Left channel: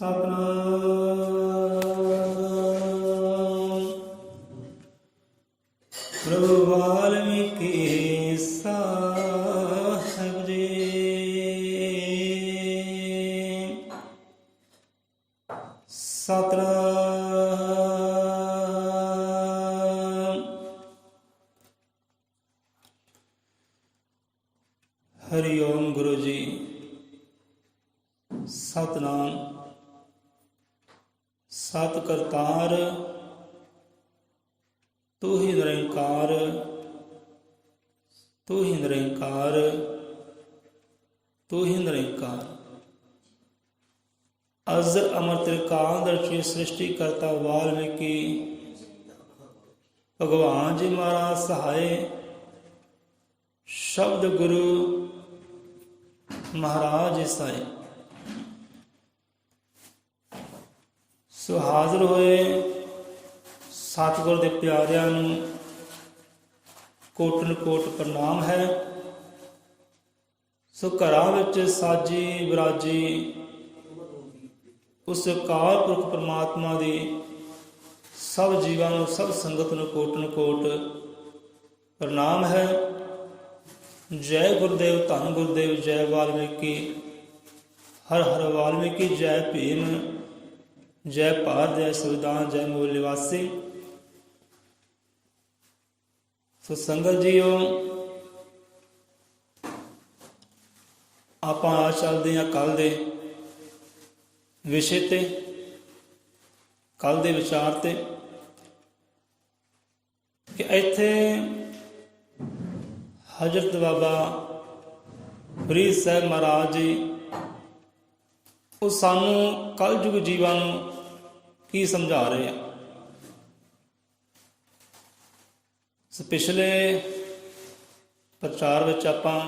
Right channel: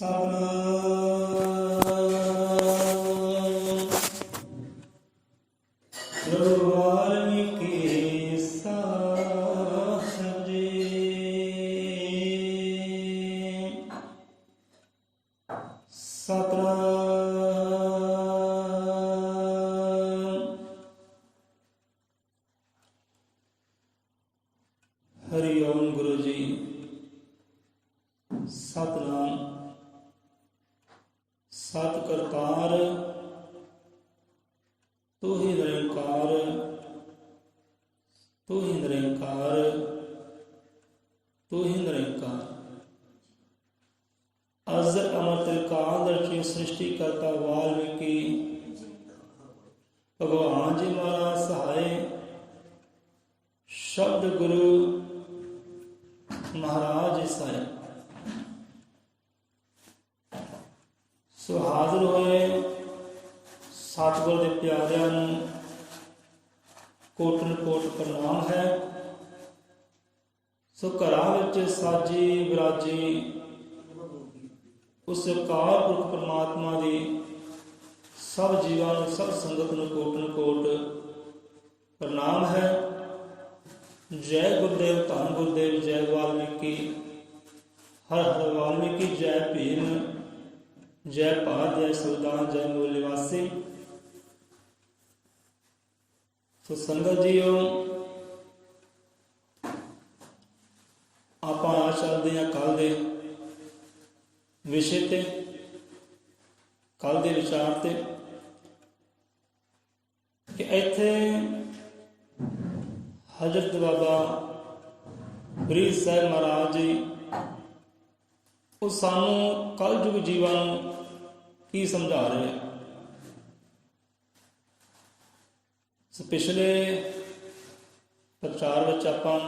ਸਤਿਨਾਮ ਪ੍ਰਭੂ ਵਾਲਮੀਕਿ ਸਾਹਿਬ ਜੀ। ਸਤਿਨਾਮ ਹਰਿ ਓਮ ਗੁਰੂ ਜੀ। ਸਤਿਨਾਮ ਸਤ ਕਰਤਾਰ ਤੂੰ ਹੀ ਨਿਰੰਕਾਰ, ਤੂੰ ਹੀ ਨਿਰੰਕਾਰ, ਤੂੰ ਹੀ ਨਿਰੰਕਾਰ। ਅਜ਼ਰ ਅਮਰ ਤ੍ਰਿਕਾਲ ਦਰਸ਼ੀ ਸ੍ਰਿਸ਼ਟੀ ਕਰਤਾ ਵਾਲਮੀਕਿ ਭਗਵਾਨ ਜੀ ਮਹਾਰਾਜ ਸਹਾਏ। ਸ਼ਬਦ ਗੁਰੂ ਮਹਾਰਾਜ ਸਾਏ। ਸੋ ਹਾਜ਼ਰ ਹੋਏ ਸਤਿਗੁਰ ਦੇ ਪਿਆਰਿਆਂ ਨੂੰ ਕੋਟਨ ਕੋਟ ਪ੍ਰਣਾਮ ਹੈ। ਸੋ ਘਰਾਂ ਵਿੱਚ ਸਾਜੀ ਵਿਰਾਜੀ ਉਸ ਅਕਾਲ ਪੁਰਖ ਪਰਮਾਤਮਾ ਦੀ ਸਭ ਜੀਵਾਂ ਨੂੰ, ਸਭ ਸੰਗਤ ਨੂੰ ਕੋਟਨ ਕੋਟ ਪ੍ਰਣਾਮ ਹੈ। ਜੈ ਗੁਰਦੇਵ, ਧੰਨ ਗੁਰਦੇਵ, ਜੈ ਵਾਲਮੀਕਿ, ਹਰ ਹਰ ਵਾਲਮੀਕਿ, ਜੈ ਭੀਮ, ਜੈ ਭਾਰਤ, ਜੈ ਸੰਵਿਧਾਨ, ਜੈ ਮੂਲ ਨਿਵਾਸੀ। ਸੋ ਸੰਗਤ ਜੀਓ, ਆਪਾਂ ਆ ਚੱਲਦੇ ਹਾਂ ਕੱਲ ਦੇ ਵਿਸ਼ੇ ਤੇ, ਕੱਲ ਦੇ ਵਿਚਾਰ ਤੇ, ਕਿ ਇੱਥੇ ਹਜ਼ਰਤ ਬਾਬਾ ਫਰੀਦ ਸਾਹਿਬ ਮਹਾਰਾਜ ਜੀ ਉਹ ਸਾਨੂੰ ਕਲਯੁਗ ਜੀਵਾਂ ਨੂੰ ਕੀ ਸਮਝਾ ਰਹੇ ਆ। ਪਿਛਲੇ ਪ੍ਰਚਾਰ ਵਿੱਚ ਆਪਾਂ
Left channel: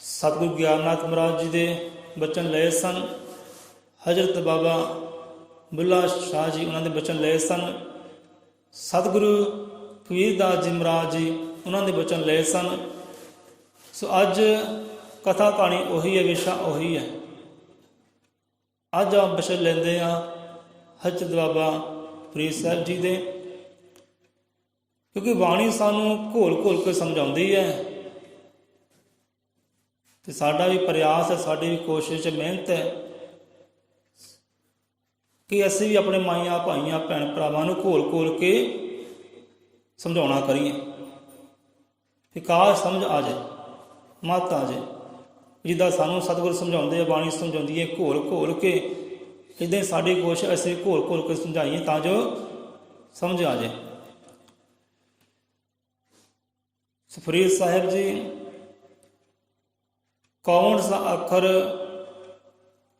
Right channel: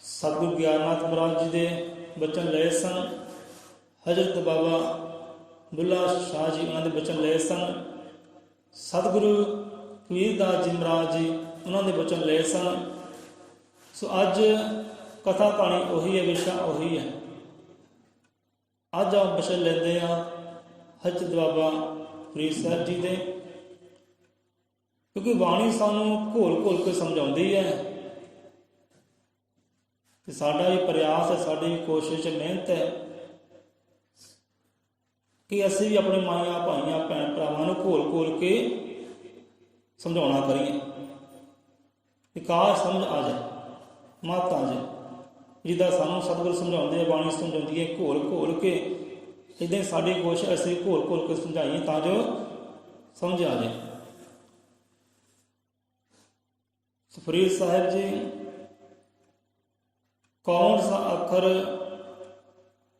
ਸਤਿਗੁਰੂ ਗਿਆਨਨਾਥ ਮਹਾਰਾਜ ਜੀ ਦੇ ਬਚਨ ਲਏ ਸਨ। ਹਜ਼ਰਤ ਬਾਬਾ ਬੁੱਲਾ ਸ਼ਾਹ ਜੀ ਉਹਨਾਂ ਦੇ ਬਚਨ ਲਏ ਸਨ। ਸਤਿਗੁਰੂ ਕਬੀਰਦਾਸ ਜੀ ਮਹਾਰਾਜ ਜੀ ਉਹਨਾਂ ਦੇ ਬਚਨ ਲਏ ਸਨ। ਸੋ ਅੱਜ ਕਥਾ ਕਹਾਣੀ ਉਹੀ ਹੈ, ਵਿਸ਼ਾ ਉਹੀ ਹੈ। ਅੱਜ ਆਪ ਬਚਨ ਲੈਂਦੇ ਹਾਂ ਹਜ਼ਰਤ ਬਾਬਾ ਫਰੀਦ ਸਾਹਿਬ ਜੀ ਦੇ, ਕਿਉਂਕਿ ਬਾਣੀ ਸਾਨੂੰ ਘੋਲ ਘੋਲ ਕੇ ਸਮਝਾਉਂਦੀ ਹੈ ਤੇ ਸਾਡਾ ਵੀ ਪ੍ਰਯਾਸ ਹੈ, ਸਾਡੀ ਵੀ ਕੋਸ਼ਿਸ਼ ਮਿਹਨਤ ਹੈ ਕਿ ਅਸੀਂ ਵੀ ਆਪਣੇ ਮਾਈਆਂ ਭਾਈਆਂ ਭੈਣ ਭਰਾਵਾਂ ਨੂੰ ਘੋਲ ਘੋਲ ਕੇ ਸਮਝਾਉਣਾ ਕਰੀਏ ਕਿ ਕਾਸ਼ ਸਮਝ ਆ ਜਾਏ, ਮੱਤ ਆ ਜਾਏ। ਜਿੱਦਾਂ ਸਾਨੂੰ ਸਤਿਗੁਰ ਸਮਝਾਉਂਦੇ ਆ, ਬਾਣੀ ਸਮਝਾਉਂਦੀ ਹੈ ਘੋਲ ਘੋਲ ਕੇ, ਇੱਦਾਂ ਸਾਡੀ ਕੋਸ਼ਿਸ਼ ਅਸੀਂ ਘੋਲ ਘੋਲ ਕੇ ਸਮਝਾਈਏ ਤਾਂ ਜੋ ਸਮਝ ਆ ਜਾਏ। ਫਰੀਦ ਸਾਹਿਬ ਜੀ, ਕੌਣ ਸਾ ਅੱਖਰ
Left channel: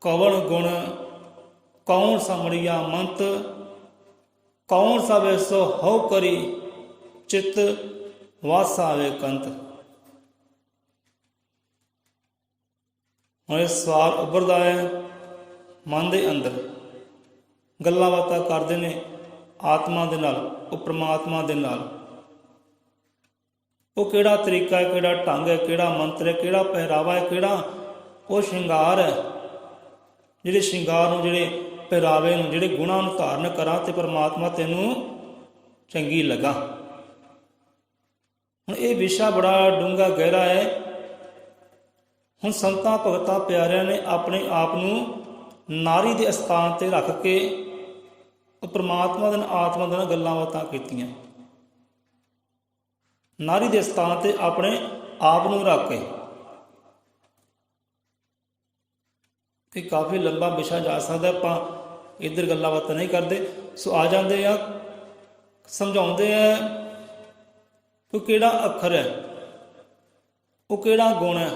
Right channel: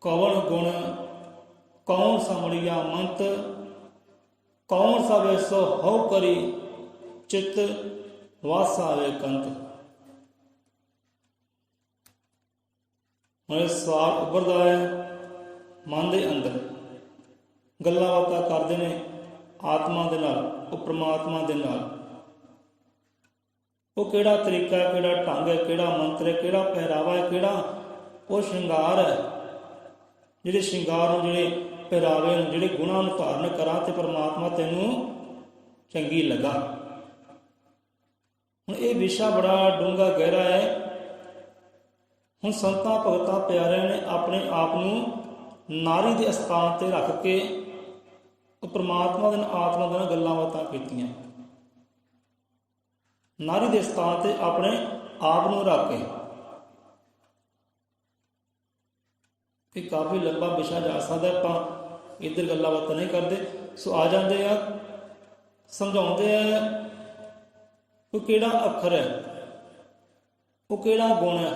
ਕਵਣ ਗੁਣ, ਕੌਣ ਸਾ ਮੜੀਆ ਮੰਤ, ਕੌਣ ਸਾ ਵੈਸੋ ਹੋ ਕਰੀ ਚਿਤ ਵਾਸਾ ਆਵੇ ਕੰਤ। ਹੁਣ ਇਹ ਸਵਾਲ ਉੱਭਰਦਾ ਹੈ ਮਨ ਦੇ ਅੰਦਰ। ਗੱਲਾਂ ਬਾਤਾਂ ਕਰਦੇ ਨੇ ਆਤਮਾ ਦੇ ਨਾਲ, ਉਹ ਪ੍ਰਮਾਤਮਾ ਦੇ ਨਾਲ। ਉਹ ਕਿਹੜਾ ਤਰੀਕਾ ਹੈ, ਕਿਹੜਾ ਢੰਗ ਹੈ, ਕਿਹੜਾ ਮੰਤਰ ਹੈ, ਕਿਹੜਾ ਪਹਿਰਾਵਾ ਹੈ, ਕਿਹੜਾ ਉਹ ਸ਼ਿੰਗਾਰ ਹੈ, ਜਿਹੜੇ ਸ਼ਿੰਗਾਰ ਨੂੰ, ਜਿਹੜੇ ਪਹਿਰਾਵੇ ਨੂੰ, ਜਿਹੜੇ ਗੁਣਾਂ ਨੂੰ ਧਾਰਨ ਕਰਾਂ ਤੇ ਪਰਮਾਤਮਾ ਤੈਨੂੰ ਚੰਗੀ ਲੱਗਾ। ਹੁਣ ਇਹ ਵਿਸ਼ਾ ਬੜਾ ਡੂੰਘਾ ਗਹਿਰਾ ਹੈ। ਹੁਣ ਸੰਤਾਂ ਭਗਤਾਂ ਪਿਆਰਿਆਂ ਨੇ ਆਪਣੇ ਆਪ ਨੂੰ ਨਾਰੀ ਦੇ ਅਸਥਾਨ ਤੇ ਰੱਖ ਕੇ ਉਹ ਪਰਮਾਤਮਾ ਦੇ ਆਤਮਾ ਨਾਲ ਗੱਲਾਂ ਬਾਤਾਂ ਕੀਤੀਆਂ। ਨਾਰੀ ਦੇ ਸਥਾਨ ਤੇ ਆਪਣੇ ਆਪ ਨੂੰ ਰੱਖ ਕੇ ਤੇ ਕਾਫੀ ਲੰਬਾ ਵਿਸ਼ਾ ਜਾ ਸਕਦਾ, ਆਪਾਂ ਇੱਧਰ ਗੱਲਾਂ ਬਾਤਾਂ ਨਹੀਂ ਕਰਦੇ। ਸੋ ਆ ਜਾਂਦੇ ਆ, ਸਮਝਾਉਂਦੇ ਆ ਉਹ ਕਿਹੜਾ ਅੱਖਰ ਹੈ, ਉਹ ਕਿਹੜਾ ਗੁਣ ਹੈ,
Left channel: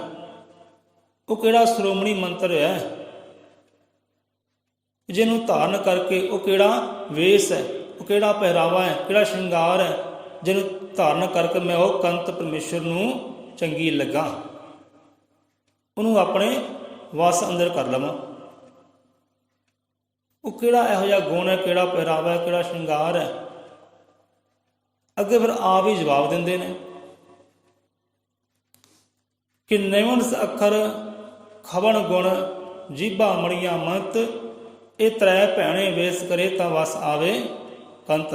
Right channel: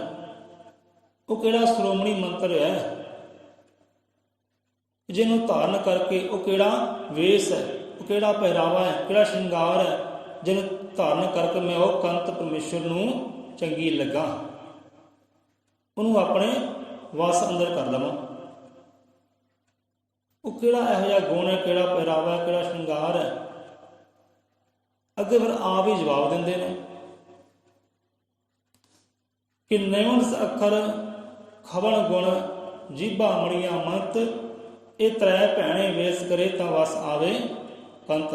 ਉਹ ਕਿਹੜਾ ਸ਼੍ਰੋਮਣੀ ਮੰਤਰ ਹੈ, ਜਿਹਨੂੰ ਧਾਰਨ ਕਰਕੇ ਉਹ ਕਿਹੜਾ ਵੇਸ ਹੈ, ਉਹ ਕਿਹੜਾ ਪਹਿਰਾਵਾ ਹੈ, ਕਿਹੜਾ ਸ਼ਿੰਗਾਰ ਹੈ, ਜਿਹਨੂੰ ਧਾਰਨ ਕਰਕੇ ਮੈਂ ਉਹ ਕੰਤ ਪਰਮੇਸ਼ਰ ਨੂੰ ਚੰਗੀ ਲੱਗਾ, ਉਹਨੂੰ ਆਪਣੇ ਵਸ ਅੰਦਰ ਕਰ ਲਵਾਂ। ਉਹ ਕਿਹੜਾ ਇਹੋ ਜਿਹਾ ਗੁਣ ਹੈ, ਕਿਹੜਾ ਪਹਿਰਾਵਾ ਹੈ, ਕਿਹੜਾ ਸ਼ਿੰਗਾਰ ਹੈ। ਅੱਗੇ ਫਿਰ ਆਪ ਹੀ ਜਵਾਬ ਦਿੰਦੇ ਨੇ ਕਿ ਨਿਮਨਸ ਅੱਖਰ ਖਵਣ ਗੁਣ ਜੀਭਾ ਮਣੀਆਂ ਮੰਤ ਇਹ ਤ੍ਰੈ ਭੈਣੇ ਵੇਸ ਕਰੇ ਤਾਂ ਵਸ ਆਵੇ ਕੰਤ।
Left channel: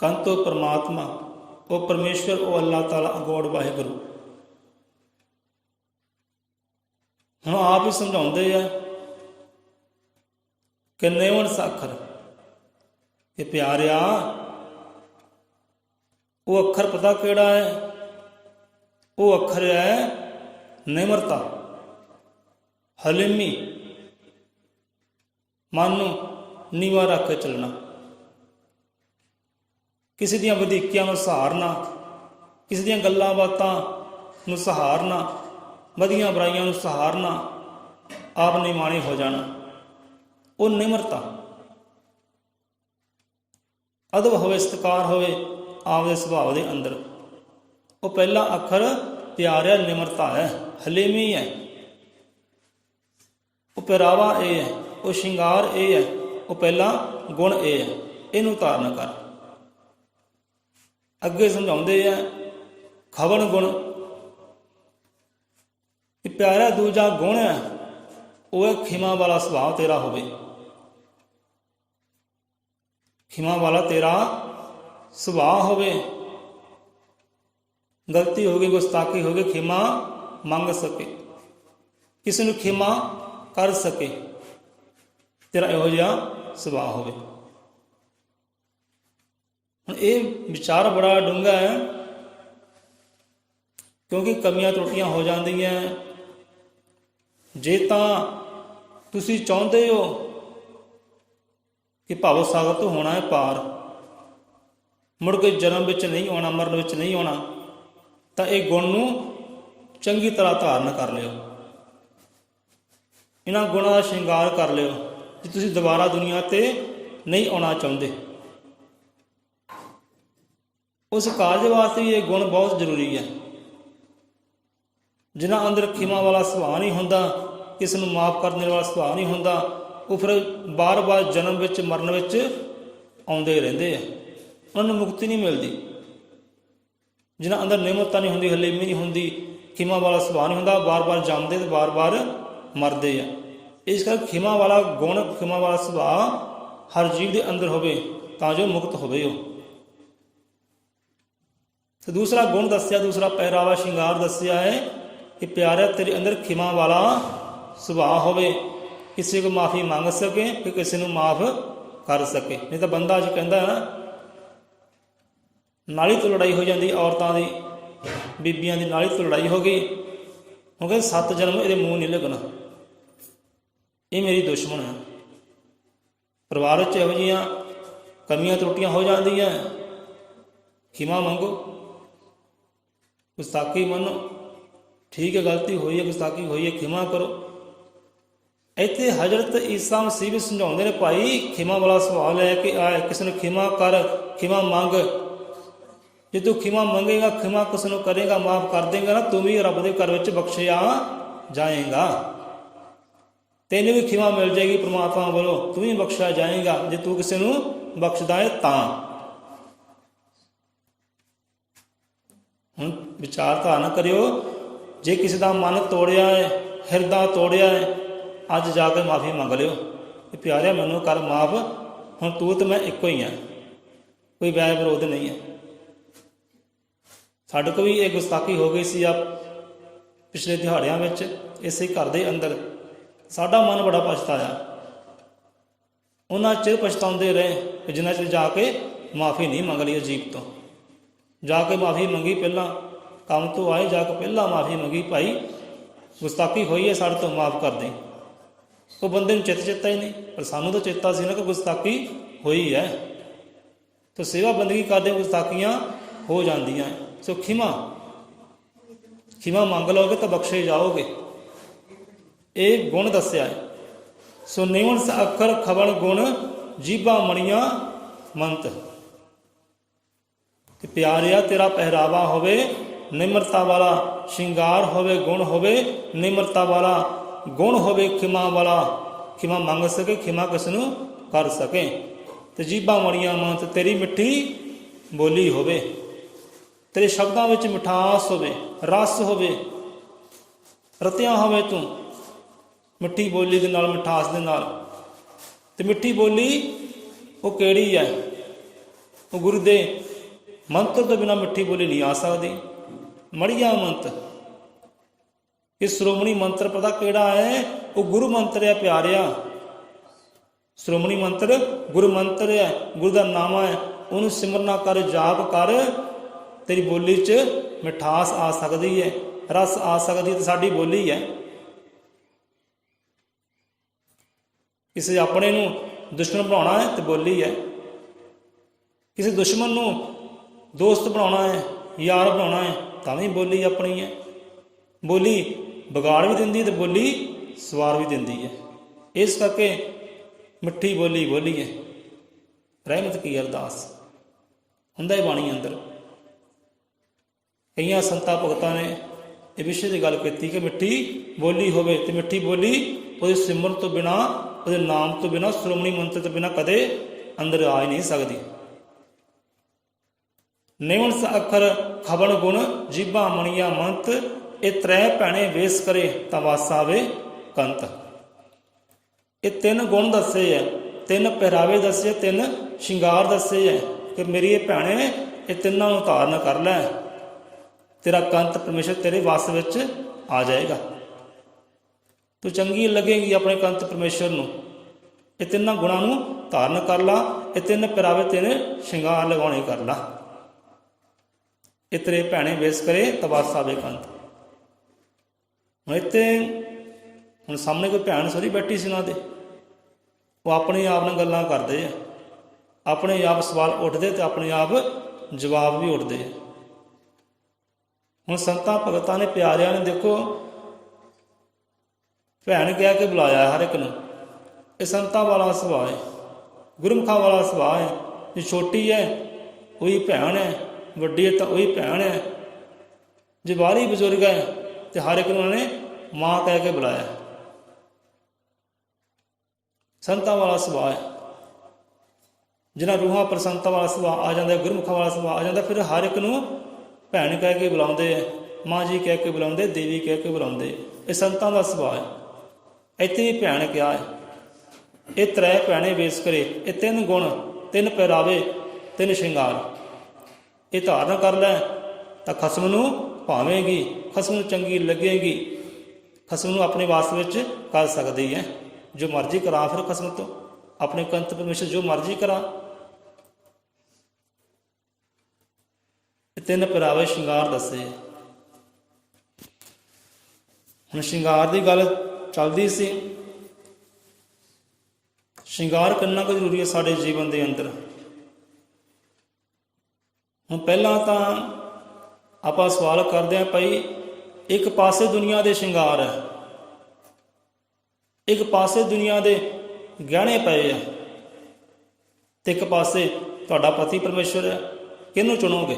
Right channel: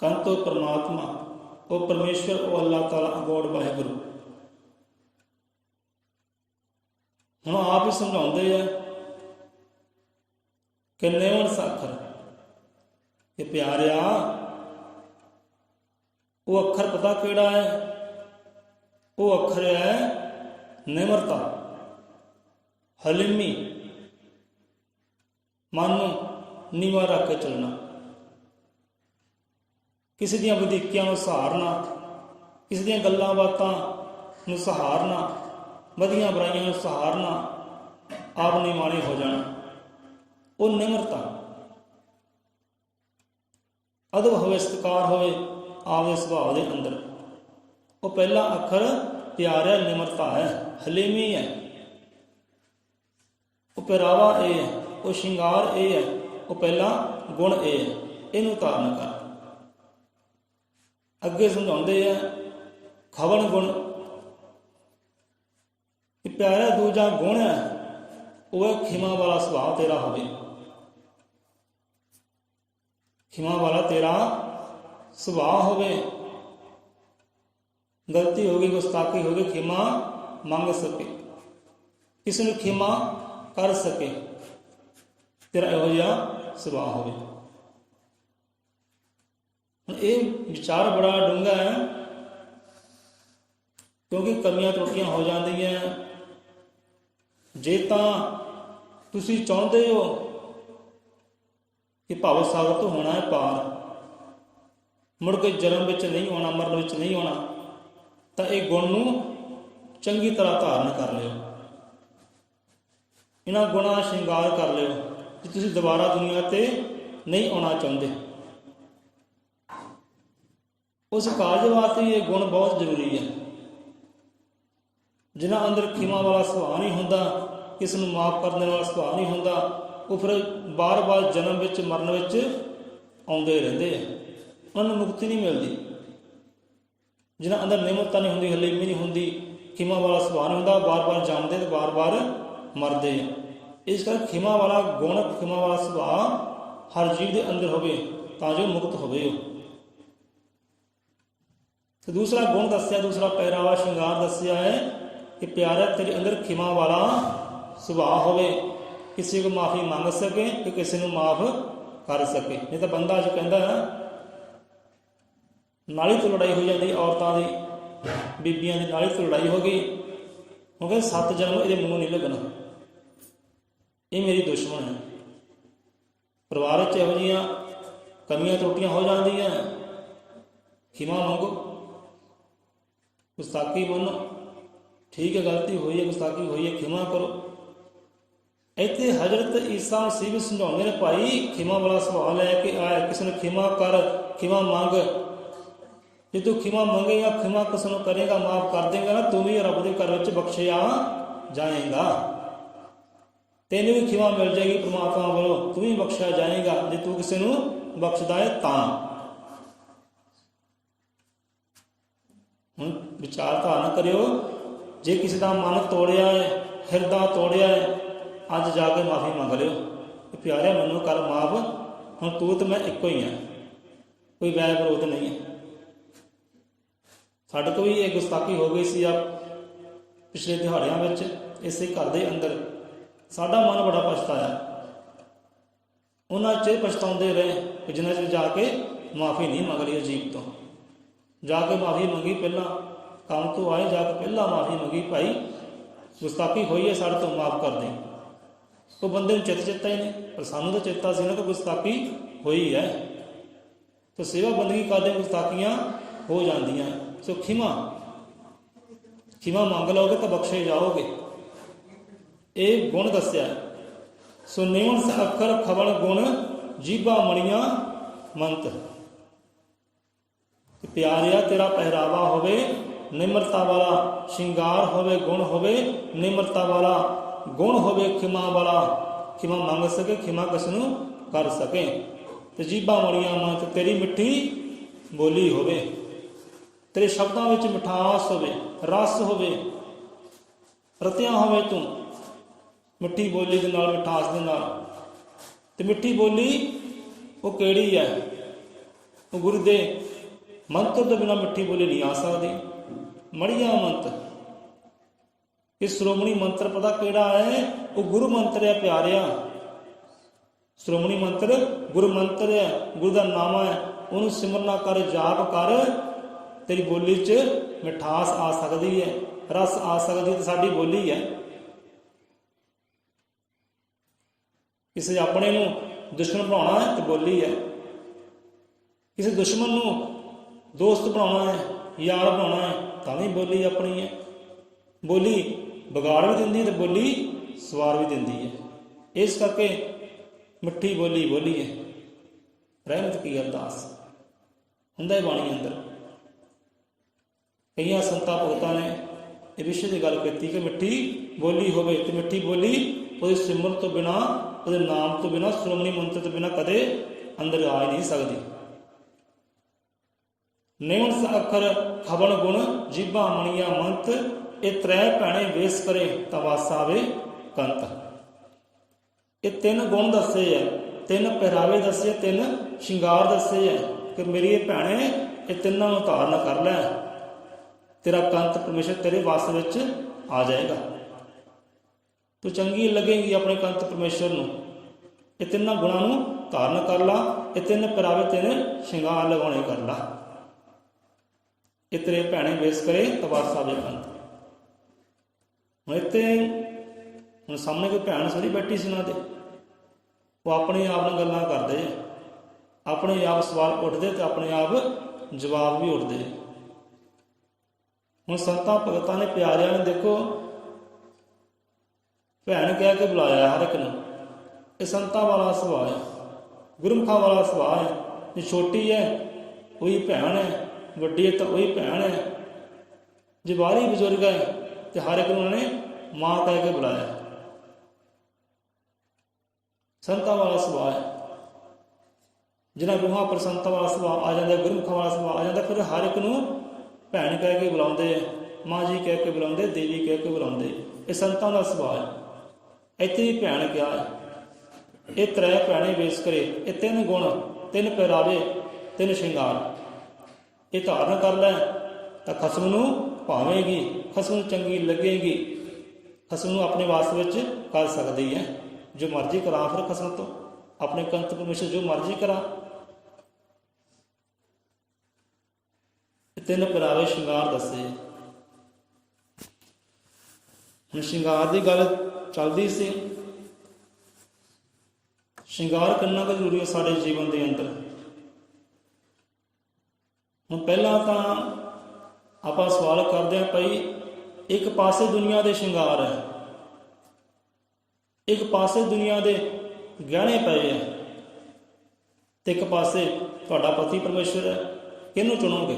ਕੰਤ ਉਹ ਪਰਮਾਤਮਾ, ਉਹ ਪਰਮੇਸ਼ਵਰ, ਉਹ ਅੱਲਾਹ ਤਾਲਾ ਅਗੋੜ ਵਾਹਿਗੁਰੂ। ਹੁਣ ਆਪ ਹੀ ਸਮਝਾਉਂਦੇ ਆ ਕਿ ਨਿਵਣ ਸਾਖਰ, ਇਹ ਪਿਆਰਿਆ ਉਹ ਅੱਖਰ ਪਤਾ ਕਿਹੜਾ ਹੈ? ਉਹ ਅੱਖਰ ਹੈ ਨਿਮਰਤਾ, ਹਲੀਮੀ, ਮਨ ਨੂੰ ਨੀਵਾਂ ਰੱਖ ਕੇ ਚੱਲਣਾ, ਕਿਸੇ ਦੀਆਂ ਵਧੀਕੀਆਂ ਨੂੰ ਸਹਾਰਨਾ, ਕਿਸੇ ਦੀਆਂ ਗੱਲਾਂ ਬਾਤਾਂ ਨੂੰ ਸਹਾਰਨਾ, ਵਧੀਆਂ ਬੁਰਾਈਆਂ ਨੂੰ ਸਹਾਰਨਾ, ਆਪ ਨਿਮਾਣੀ ਹੋ ਜਾਣਾ, ਉਹ ਨਿਮਰਤਾ। ਅਦਬ ਹੋਵੇ, ਸਤਿਕਾਰ ਹੋਵੇ ਆਪਦੇ ਸੁਭਾਅ ਦੇ ਅੰਦਰ। ਉਹ ਪਹਿਲਾ ਅੱਖਰ ਪਿਆਰਿਆ ਨਿਮਰਤਾ ਹੈ, ਹਲੀਮੀ ਹੈ। ਉਹ ਪਹਿਰਾਵਾ ਇਹ ਹੈ, ਉਹ ਸ਼ਿੰਗਾਰ ਇਹ ਹੈ, ਉਹ ਪਹਿਲਾ ਗੁਣ ਇਹ ਹੈ। ਇਹਨੂੰ ਧਾਰਨ ਕਰ। ਅੱਗੇ ਸਮਝਾਉਂਦੇ ਆ ਖਵਣ ਗੁਣ, ਕਿ ਪਿਆਰਾ ਦੂਜਾ ਗੁਣ ਹੈ ਉਹ ਹੈ ਖਿਮਾ ਵਾਲਾ ਸੁਭਾਅ ਤੇਰਾ ਹੋਵੇ। ਖਿਮਾ ਵਾਲਾ ਤੇਰਾ ਸੁਭਾਅ ਹੋਵੇ। ਗਲਤੀ ਹੋ ਗਈ, ਗੁਸਤਾਖੀ ਹੋ ਗਈ, ਖਿਮਾ ਮੰਗ ਸਕੇ, ਕਿਸੇ ਨੂੰ ਖਿਮਾ ਕਰ ਸਕੇ, ਤੇਰਾ ਇਹੋ ਜਿਹਾ ਸੁਭਾਅ ਹੋਵੇ। ਹੁਣ ਇਹ ਵਿਚਾਰ ਬੜਾ ਡੂੰਘਾ ਹੈ, ਕਿਉਂਕਿ ਕਮੀਆਂ ਤਰੁੱਟੀਆਂ ਹੋ ਜਾਂਦੀਆਂ। ਜੇ ਤਾਂ ਤੁਸੀਂ ਚਾਹੁੰਦੇ ਹੋ ਕਿ ਭਵ ਸਾਗਰ ਤੋਂ ਹੋਣਾ ਹੈ ਪਾਰ, ਮੁੜ ਕੇ ਜਨਮ ਵਿੱਚ ਨਹੀਂ ਆਉਣਾ, ਮਰਨ ਵਿੱਚ ਨਹੀਂ ਆਉਣਾ, ਤਾਂ ਇਹ ਗੁਣ ਨੂੰ ਚੰਗੀ ਤਰ੍ਹਾਂ ਧਾਰਨ ਕਰ ਲਿਓ। ਇਹਨਾਂ ਗੁਣਾਂ ਦਾ ਸ਼ਿੰਗਾਰ ਕਰ ਲਿਓ ਜੇ ਤੁਸੀਂ ਦੁਬਾਰਾ ਦੁਨੀਆ ਤੇ ਨਹੀਂ ਆਉਣਾ ਚਾਹੁੰਦੇ। ਉਸ ਕਾਰਜ ਵਾਸਤੇ ਇਹ ਗੁਣ ਬਹੁਤ ਜ਼ਰੂਰੀ ਹੈ। ਜਿਨ੍ਹਾਂ ਅੰਦਰ ਖਿਮਾ ਵਾਲਾ ਸੁਭਾਅ ਨਹੀਂ ਹੁੰਦਾ, ਕਿਸੇ ਨੂੰ ਮਾਫ ਕਰਨ ਵਾਲਾ ਸੁਭਾਅ ਨਹੀਂ ਹੁੰਦਾ, ਉਹ ਫਿਰ ਬਾਰ-ਬਾਰ ਜਨਮ ਵਿੱਚ ਮਰਨ ਵਿੱਚ ਆਉਂਦੇ ਰਹਿੰਦੇ ਆ, ਉਹਨਾਂ ਨੂੰ ਮੁਕਤੀ ਨਹੀਂ ਮਿਲਦੀ। ਜਿਨ੍ਹਾਂ ਅੰਦਰ ਨਿਮਰਤਾ ਨਹੀਂ ਹੁੰਦੀ, ਹਲੀਮੀ ਨਹੀਂ ਹੁੰਦੀ, ਖਿਮਾ ਵਾਲਾ ਸੁਭਾਅ ਨਹੀਂ ਹੁੰਦਾ, ਬਾਰ-ਬਾਰ ਜੰਮਦੇ ਤੇ ਬਾਰ-ਬਾਰ ਮਰਦੇ ਆ। ਇਸ ਕਰਕੇ ਖਿਮਾ ਵਾਲਾ ਗੁਣ, ਖਿਮਾ ਵਾਲਾ ਸੁਭਾਅ ਹਰ ਜੀਵ ਦੇ ਅੰਦਰ ਹੋਵੇ ਤਾਂ ਜੋ ਮੁਕਤ ਹੋਵੇ ਉਹ। ਤੇ ਦੂਸਰਾ ਗੁਣ ਦੱਸਿਆ, ਦੂਸਰਾ ਪਹਿਰਾਵਾ ਸ਼ਿੰਗਾਰ ਦੱਸਿਆ ਹੈ ਕਿ ਪਿਆਰਾ ਤੇਰੇ ਅੰਦਰ ਖਿਮਾ ਵਾਲਾ ਸੁਭਾਅ ਹੋਵੇ, ਕਿਸੇ ਕੋ ਮਾਫੀ ਮੰਗ ਸਕੇ ਕਿ ਕਿਸੇ ਨੂੰ ਮਾਫ ਕਰ ਸਕੇ। ਨਹੀਂ ਤਾਂ ਬੰਦਾ ਅੱਜ ਕਹਿੰਦਾ ਨਾਲੀ ਤੋਂ ਲੜਾਈ ਹੋ ਜਾਂਦੀ, ਔਰਤਾਂ ਦੀ, ਬੀਬੀਆਂ ਦੀ ਨਾਲੀ ਤੋਂ ਲੜਾਈ ਹੋ ਗਈ, ਉਹ ਕਹਿੰਦੇ 7 ਜਨਮ ਇਹਦੇ ਮੂੰਹ ਨਹੀਂ ਲੱਗਣਾ, ਇਹ ਮੇਰੀ ਦੁਸ਼ਮਣ ਹੈ। ਪਰਿਵਾਰ ਵਿੱਚ ਇਹੋ ਜਿਹੀਆਂ ਕਮੀਆਂ ਤਰੁੱਟੀਆਂ ਹੋ ਜਾਂਦੀਆਂ, ਖਿਮਾ ਮੰਗੋ, ਗੁਸਤਾਖੀ ਮੰਨੋ, ਠੀਕ ਹੈ ਗਲਤੀ ਹੋਈ ਹੈ, ਗੁਸਤਾਖੀ ਹੋਈ ਹੈ, ਖਿਮਾ ਕਰੋ। ਇੱਥੇ ਹਜ਼ਰਤ ਈਸਾ ਮਸੀਹ ਵੀ ਸਮਝਾਉਂਦੇ ਨੇ, ਭਾਈ ਖਿਮਾ ਵਾਲਾ ਸੁਭਾਅ ਲੈ ਕੇ ਆਏ, ਕਿਸੇ ਨੂੰ ਖਿਮਾ ਕਰ, ਖਿਮਾ ਮੰਗ। ਜੇ ਤੂੰ ਖਿਮਾ ਮੰਗੇਗਾ, ਖਿਮਾ ਕਿਸੇ ਨੂੰ ਕਰੇਗਾ, ਮਾਫ ਕਰ ਦੇਗਾ ਨਾ, ਤੂੰ ਵੀ ਰੱਬ ਦੇ ਘਰ ਵਿੱਚ ਬਖਸ਼ਿਆ ਜਾਏਗਾ, ਤੈਨੂੰ ਵੀ ਖਿਮਾ ਮਿਲ ਜਾਏਗੀ ਪਰਮਾਤਮਾ ਵੱਲੋਂ, ਤੂੰ ਵੀ ਬਖਸ਼ਿਆ ਜਾਏਗਾ ਜੇ ਤੂੰ ਕਿਸੇ ਨੂੰ ਬਖਸ਼ਦਾ ਹੈ ਤਾਂ। ਹੁਣ ਵਿਚਾਰ ਧਾਰਨ ਕਰਿਓ, ਜੇ ਕਿਸੇ ਦਾ ਮਨ ਤੋੜਿਆ ਹੈ, ਹਿਰਦਾ ਤੋੜਿਆ ਹੈ, ਅੱਜ ਜਾ ਕੇ ਮਾਫੀ ਮੰਗ ਲਿਓ ਕਿ ਪਿਆਰਿਆ ਮੈਨੂੰ ਕਰ ਮਾਫ, ਹੁਣ ਤੂੰ ਤੇ ਮੈਂ ਇੱਕੋ ਹੀ ਹਾਂ, ਕੋਈ ਵੈਰ ਵਿਰੋਧ ਨਹੀਂ ਹੈ। ਸਾਡੇ ਕੋਲ ਵੀ ਇਹ ਗੁਸਤਾਖੀ ਹੋ ਗਈ ਸੀ ਪਿਛਲੇ ਦਿਹਾੜਿਆਂ ਵਿੱਚ ਇਸੇ ਘਰ ਦੇ ਅੰਦਰ। ਸਾਡਾ ਮਨ ਬੜਾ ਪਛਤਾਇਆ, ਉਹਨਾਂ ਚਿਰ ਪਛਤਾਉਂਦੇ ਰਹੇ ਕਿ ਜਿੰਨਾ ਚਿਰ ਜਾ ਕੇ ਮਾਫੀ ਨਹੀਂ ਮੰਗ ਲਈ ਅਜੀਬ ਤੋਂ। ਜਾ ਕੇ ਮਾਫੀ ਮੰਗੀ, ਪਹਿਲਾਂ ਕੰਮ ਤੋਂ ਆਏ, ਜਾ ਕੇ ਪਹਿਲਾਂ ਮਾਫੀ ਮੰਗੀ, ਭਾਈ ਗੁਸਤਾਖੀ ਹੋਈ ਹੈ ਸਾਡੇ ਤੋਂ, ਮਾਫ ਕਰ ਦੇ। ਉਹ ਬੰਦੇ ਨੂੰ ਚੇਤਾ ਹੀ ਨਹੀਂ, ਪਰ ਸਾਨੂੰ ਤਾਂ ਚੇਤਾ ਸੀ ਨਾ ਕਿ ਗੁਸਤਾਖੀ ਹੋਈ ਹੈ। ਤਾਂ ਸੇਵਾ ਬੰਦਗੀ ਕਰਦੇ ਗੁਸਤਾਖੀਆਂ ਹੋ ਜਾਂਦੀਆਂ। ਸੋ ਖਿਮਾ ਮੰਗ ਲਓਗੇ ਤਾਂ ਬਖਸ਼ੇ ਜਾਓਗੇ, ਇਹ ਗੁਣ ਦੱਸਿਆ। ਸੋ ਨਿਵਣ ਅੱਖਰ ਖਵਣ ਗੁਣ, ਜੀਭਾ ਮਣੀਆਂ ਮੰਤ। ਕਿ ਪਿਆਰਿਆ ਤੇਰਾ ਪਹਿਰਾਵਾ ਹੋਵੇ ਨਿਮਰਤਾ ਵਾਲਾ, ਸ਼ਿੰਗਾਰ ਹੋਵੇ, ਗੁਣ ਹੋਵੇ ਨਿਮਰਤਾ ਵਾਲਾ, ਗੁਣ ਹੋਵੇ ਖਿਮਾ ਵਾਲਾ, ਖਿਮਾ ਮੰਗ ਸਕੇ, ਖਿਮਾ ਕਿਸ ਨੂੰ ਕਰ ਸਕੇ। ਤੇ ਜੀਭਾ ਮਣੀਆਂ ਮੰਤ, ਤੇਰੀ ਮਿੱਠੀ ਬੋਲੀ ਹੋਵੇ, ਤੇਰੇ ਸ਼ਬਦਾਂ ਵਿੱਚ ਮਿਠਾਸ ਹੋਵੇ, ਰਸ ਹੋਵੇ, ਰਤਿਆ ਹੋਵੇ ਤੂੰ। ਮਿੱਠੀ ਬੋਲੀ ਦੇ ਨਾਲ, ਮਿਠਾਸ ਦੇ ਨਾਲ। ਤੇ ਮਿੱਠੀ ਬੋਲੀ ਉਹ ਕਿਹੜੀ ਹੈ? ਉਹ ਗੁਰੂ ਦੇ ਮੰਤਰ ਤੋਂ ਬਿਨਾਂ ਮਿੱਠੀ ਬੋਲੀ ਨਹੀਂ ਆ ਸਕਦੀ। ਮੜੀਆ ਮੰਤਰ, ਇਹ ਸ਼੍ਰੋਮਣੀ ਮੰਤਰ ਪਤਾ ਕਿਹੜਾ ਹੈ? ਉਹ ਗੁਰੂ ਮੰਤਰ ਹੈ ਪਿਆਰਿਆ। ਸ਼੍ਰੋਮਣੀ ਮੰਤਰ ਗੁਰੂ ਮੰਤਰ ਹੈ, ਗੁਰੂ ਦਾ ਨਾਮ ਹੈ। ਉਹਨੂੰ ਸਿਮਰਨਾ ਕਰ, ਜਾਪ ਕਰ, ਤੇਰੀ ਬੋਲੀ 'ਚ ਮਿਠਾਸ ਆ ਸਕਦੀ ਹੈ, ਰਸ ਆ ਸਕਦੀ ਹੈ। ਤੇ ਸਾਡੀ ਬੋਲੀ ਹੈ। ਕਿਸੇ ਆਪਣੇ ਨੂੰ ਦੁਸ਼ਮਣ ਬਣਾਉਣਾ ਹੈ ਤੇ ਬੋਲੀ ਹੈ। ਕਿਸੇ ਦੁਸ਼ਮਣ ਨੂੰ ਦੋਸਤ ਬਣਾਉਣਾ ਹੈ, ਯਾਰ ਬਣਾਉਣਾ ਹੈ, ਤਾਂ ਵੀ ਬੋਲੀ ਆਪਣੀ ਹੈ। ਬੋਲੀ ਵਿਗਾੜ ਵੀ ਦਿੰਦੀ ਤੇ ਬੋਲੀ ਸਵਾਰ ਵੀ ਦਿੰਦੀ ਹੈ। ਇਸ ਕਰਕੇ ਮਿੱਠੀ ਬੋਲੀ ਬੋਲੀਏ। ਰਹਿਮਤ ਕੀ ਅਰਦਾਸ ਹੁੰਦਾ ਹੈ ਬਾਣੀ ਅੰਦਰ। ਕਈਆਂ ਸੰਤਾਂ ਭਗਤਾਂ ਨੇ ਇਹ ਵਿਸ਼ੇ ਦੀ ਗੱਲ ਕੀਤੀ ਕਿ ਮਿੱਠੀ ਬੋਲੀ ਹੋਵੇ, ਤੇ ਮਿੱਠੀ ਬੋਲੀ ਉਹਦੇ ਸਿਮਰਨ ਤੋਂ ਬਿਨਾਂ, ਉਹਦੇ ਨਾਮ ਤੋਂ ਬਿਨਾਂ, ਸ਼੍ਰੋਮਣੀ ਮੰਤਰ ਤੋਂ ਬਿਨਾਂ ਕਦੇ ਅੰਦਰ ਆ ਹੀ ਨਹੀਂ ਸਕਦੀ। ਨਿਵਣ ਅੱਖਰ ਖਬਨ ਗੁਣ ਜੀਭਾ ਮਣੀਆਂ ਮੰਤ, ਇਹ ਤ੍ਰੈ ਭੈਣੇ ਵੇਸ ਕਰੇ ਤਾਂ ਵਾਸ ਆਵੇ ਕੰਤ। ਇਹ ਤਿੰਨ ਗੁਣ ਦੱਸੇ ਹੈ, ਤਿੰਨ ਪਹਿਰਾਵੇ ਦੱਸੇ, ਤਿੰਨ ਸ਼ਿੰਗਾਰ ਦੱਸੇ ਹੈ ਕਿ ਮੇਰੀ ਇਹ ਭੈਣੇ ਇਹ ਤਿੰਨਾਂ ਨੂੰ ਧਾਰਨ ਕਰ ਲੈ, ਤੇਰਾ ਕੰਤ ਪਰਮੇਸ਼ਰ ਤੇਰੇ ਵਸ ਵਿੱਚ ਆ ਜਾਏਗਾ। ਤੂੰ ਚੰਗੀ ਲੱਗੇਗੀ ਆਪਣੇ ਕੰਤ ਪਰਮੇਸ਼ਰ ਨੂੰ। ਇਹ ਤਿੰਨਾਂ ਗੁਣਾਂ ਨੂੰ ਧਾਰਨ ਕਰ ਲਾ, ਇਹ ਤਿੰਨ ਪਹਿਰਾਵੇ, ਤਿੰਨ ਸ਼ਿੰਗਾਰ ਲਗਾਉਣੇ ਕਰ ਲਾ। ਇਹ ਤੇਰੇ ਭੈਣੇ ਵੇਸ ਕਰੇ ਤਾਂ ਵਾਸ ਆਵੇ ਕੰਤ। ਹੁਣ ਇੱਥੇ ਹੁਣ ਸਾਹਮਣੇ ਕੋਈ ਭੈਣ ਸਾਰੀ ਬੈਠੀ ਸੀ ਉਹਨਾਂ ਦੇ, ਉਹ ਆਪਣੇ ਆਪ ਨਾਲ ਗੱਲਾਂ ਕਰਦੇ ਆ, ਆਪਣੇ ਆਪ ਸਵਾਲ ਉੱਠਦੇ ਤੇ ਆਪਣੇ ਆਪ ਜਵਾਬ ਵੀ ਉੱਠਦੇ ਆ। ਹੁਣ ਸੰਤਾਂ ਭਗਤਾਂ ਨੇ, ਪਿਆਰਿਆਂ ਨੇ ਦੇਖੋ ਭੈਣ ਕਹਿ ਕੇ ਬੁਲਾਇਆ ਹਰ ਇੱਕ ਨੂੰ। ਇਹ ਸੰਤਾਂ ਵਾਲਾ ਸੁਭਾਅ ਹੈ, ਗੁਰਮੁਖਾਂ ਵਾਲਾ ਸੁਭਾਅ ਹੈ। ਜੇ ਛੋਟੀ ਹੈ ਉਹੀ ਭੈਣ ਹੈ, ਵੱਡੀ ਹੈ ਤਾਂ ਉਹੀ ਭੈਣ ਹੈ। ਜੇ ਬਾਹਰੀ ਬਜ਼ੁਰਗ ਹੈ ਤੇ ਹਰ ਇੱਕ ਨੂੰ ਉਹਨਾਂ ਨੇ ਮਾਂ ਕਹਿ ਕੇ ਬੁਲਾਇਆ। ਸੰਤਾਂ ਵਾਲਾ ਸੁਭਾਅ ਹੈ। ਜਿਹਨਾਂ ਰੂਹਾਂ ਪਰ ਸੰਤਾਂ ਵਾਲਾ ਸੁਭਾਅ ਆ ਜਾਂਦਾ, ਗੁਰਮੁਖਾਂ ਵਾਲਾ ਸੁਭਾਅ ਆ ਜਾਂਦਾ, ਫਿਰ ਹਰ ਇੱਕ ਨੂੰ ਭੈਣ ਕਹਿ ਕੇ ਬੁਲਾਉਂਦੇ ਆ, ਮਾਂ ਜੀ ਕਹਿ ਕੇ ਬੁਲਾਉਂਦੇ, ਦੇਵੀ ਕਹਿ ਕੇ ਬੁਲਾਉਂਦੇ। ਇਹ ਸੰਤਾਂ ਦਾ ਸੁਭਾਅ ਹੈ। ਇੱਥੇ ਵੀ ਭੈਣ ਕਿਹਾ ਹੈ। ਇਹ ਤ੍ਰੈ ਭੈਣੇ ਵੇਸ ਕਰੇ, ਇਹ ਤਿੰਨ ਗੁਣ, ਤਿੰਨ ਪਹਿਰਾਵੇ, ਤਿੰਨ ਸ਼ਿੰਗਾਰ ਇਹ ਧਾਰਨ ਕਰ ਲੈ ਤਾਂ ਖਸਮ ਨੂੰ ਭਾਵੇਗੀ, ਖਸਮ ਨੂੰ ਚੰਗੀ ਲੱਗੇਗੀ, ਖਸਮ ਨੂੰ ਆਪਣੇ ਵਾਸ ਵਿੱਚ ਕਰ ਸਕਦੀ ਹੈ। ਜੋ ਮਰਜ਼ੀ ਕਰਾ ਫਿਰ ਖਸਮ ਤੋਂ, ਆਪਣੇ ਕੰਤ ਪਰਮੇਸ਼ਰ ਜੋ ਮਰਜ਼ੀ ਕਰਾ। ਇਹ ਤਿੰਨ ਪਹਿਰਾਵੇ ਸ਼ਿੰਗਾਰ ਦੱਸੇ। ਹੁਣ ਸ਼ਿੰਗਾਰ ਦੀ ਗੱਲ ਚੱਲਦੀ ਸੀ। ਸ਼ਿੰਗਾਰ ਕਿੰਨਾ ਕੁ ਜ਼ਰੂਰੀ ਹੈ ਸਾਡੇ ਜੀਵਨ ਦੇ ਅੰਦਰ। ਹੁਣ ਪਹਿਲਾਂ ਤਾਂ ਆਪਾਂ ਸਵਾਲ ਕਰਦੇ ਹਾਂ ਭਾਈ, ਇੱਕ ਪਾਸੇ ਦੁਨੀਆ ਦੇ ਸ਼ਿੰਗਾਰ ਹੈ, ਇੱਕ ਪਾਸੇ ਦੁਨੀਆ ਦੇ ਗਹਿਣੇ ਪਏ ਆ, ਤੇ ਇੱਕ ਪਾਸੇ ਤੁਹਾਡਾ ਪਤੀ ਪਰਮੇਸ਼ਰ ਹੈ। ਕਿਹਨੂੰ ਚੁਣੋਗੇ?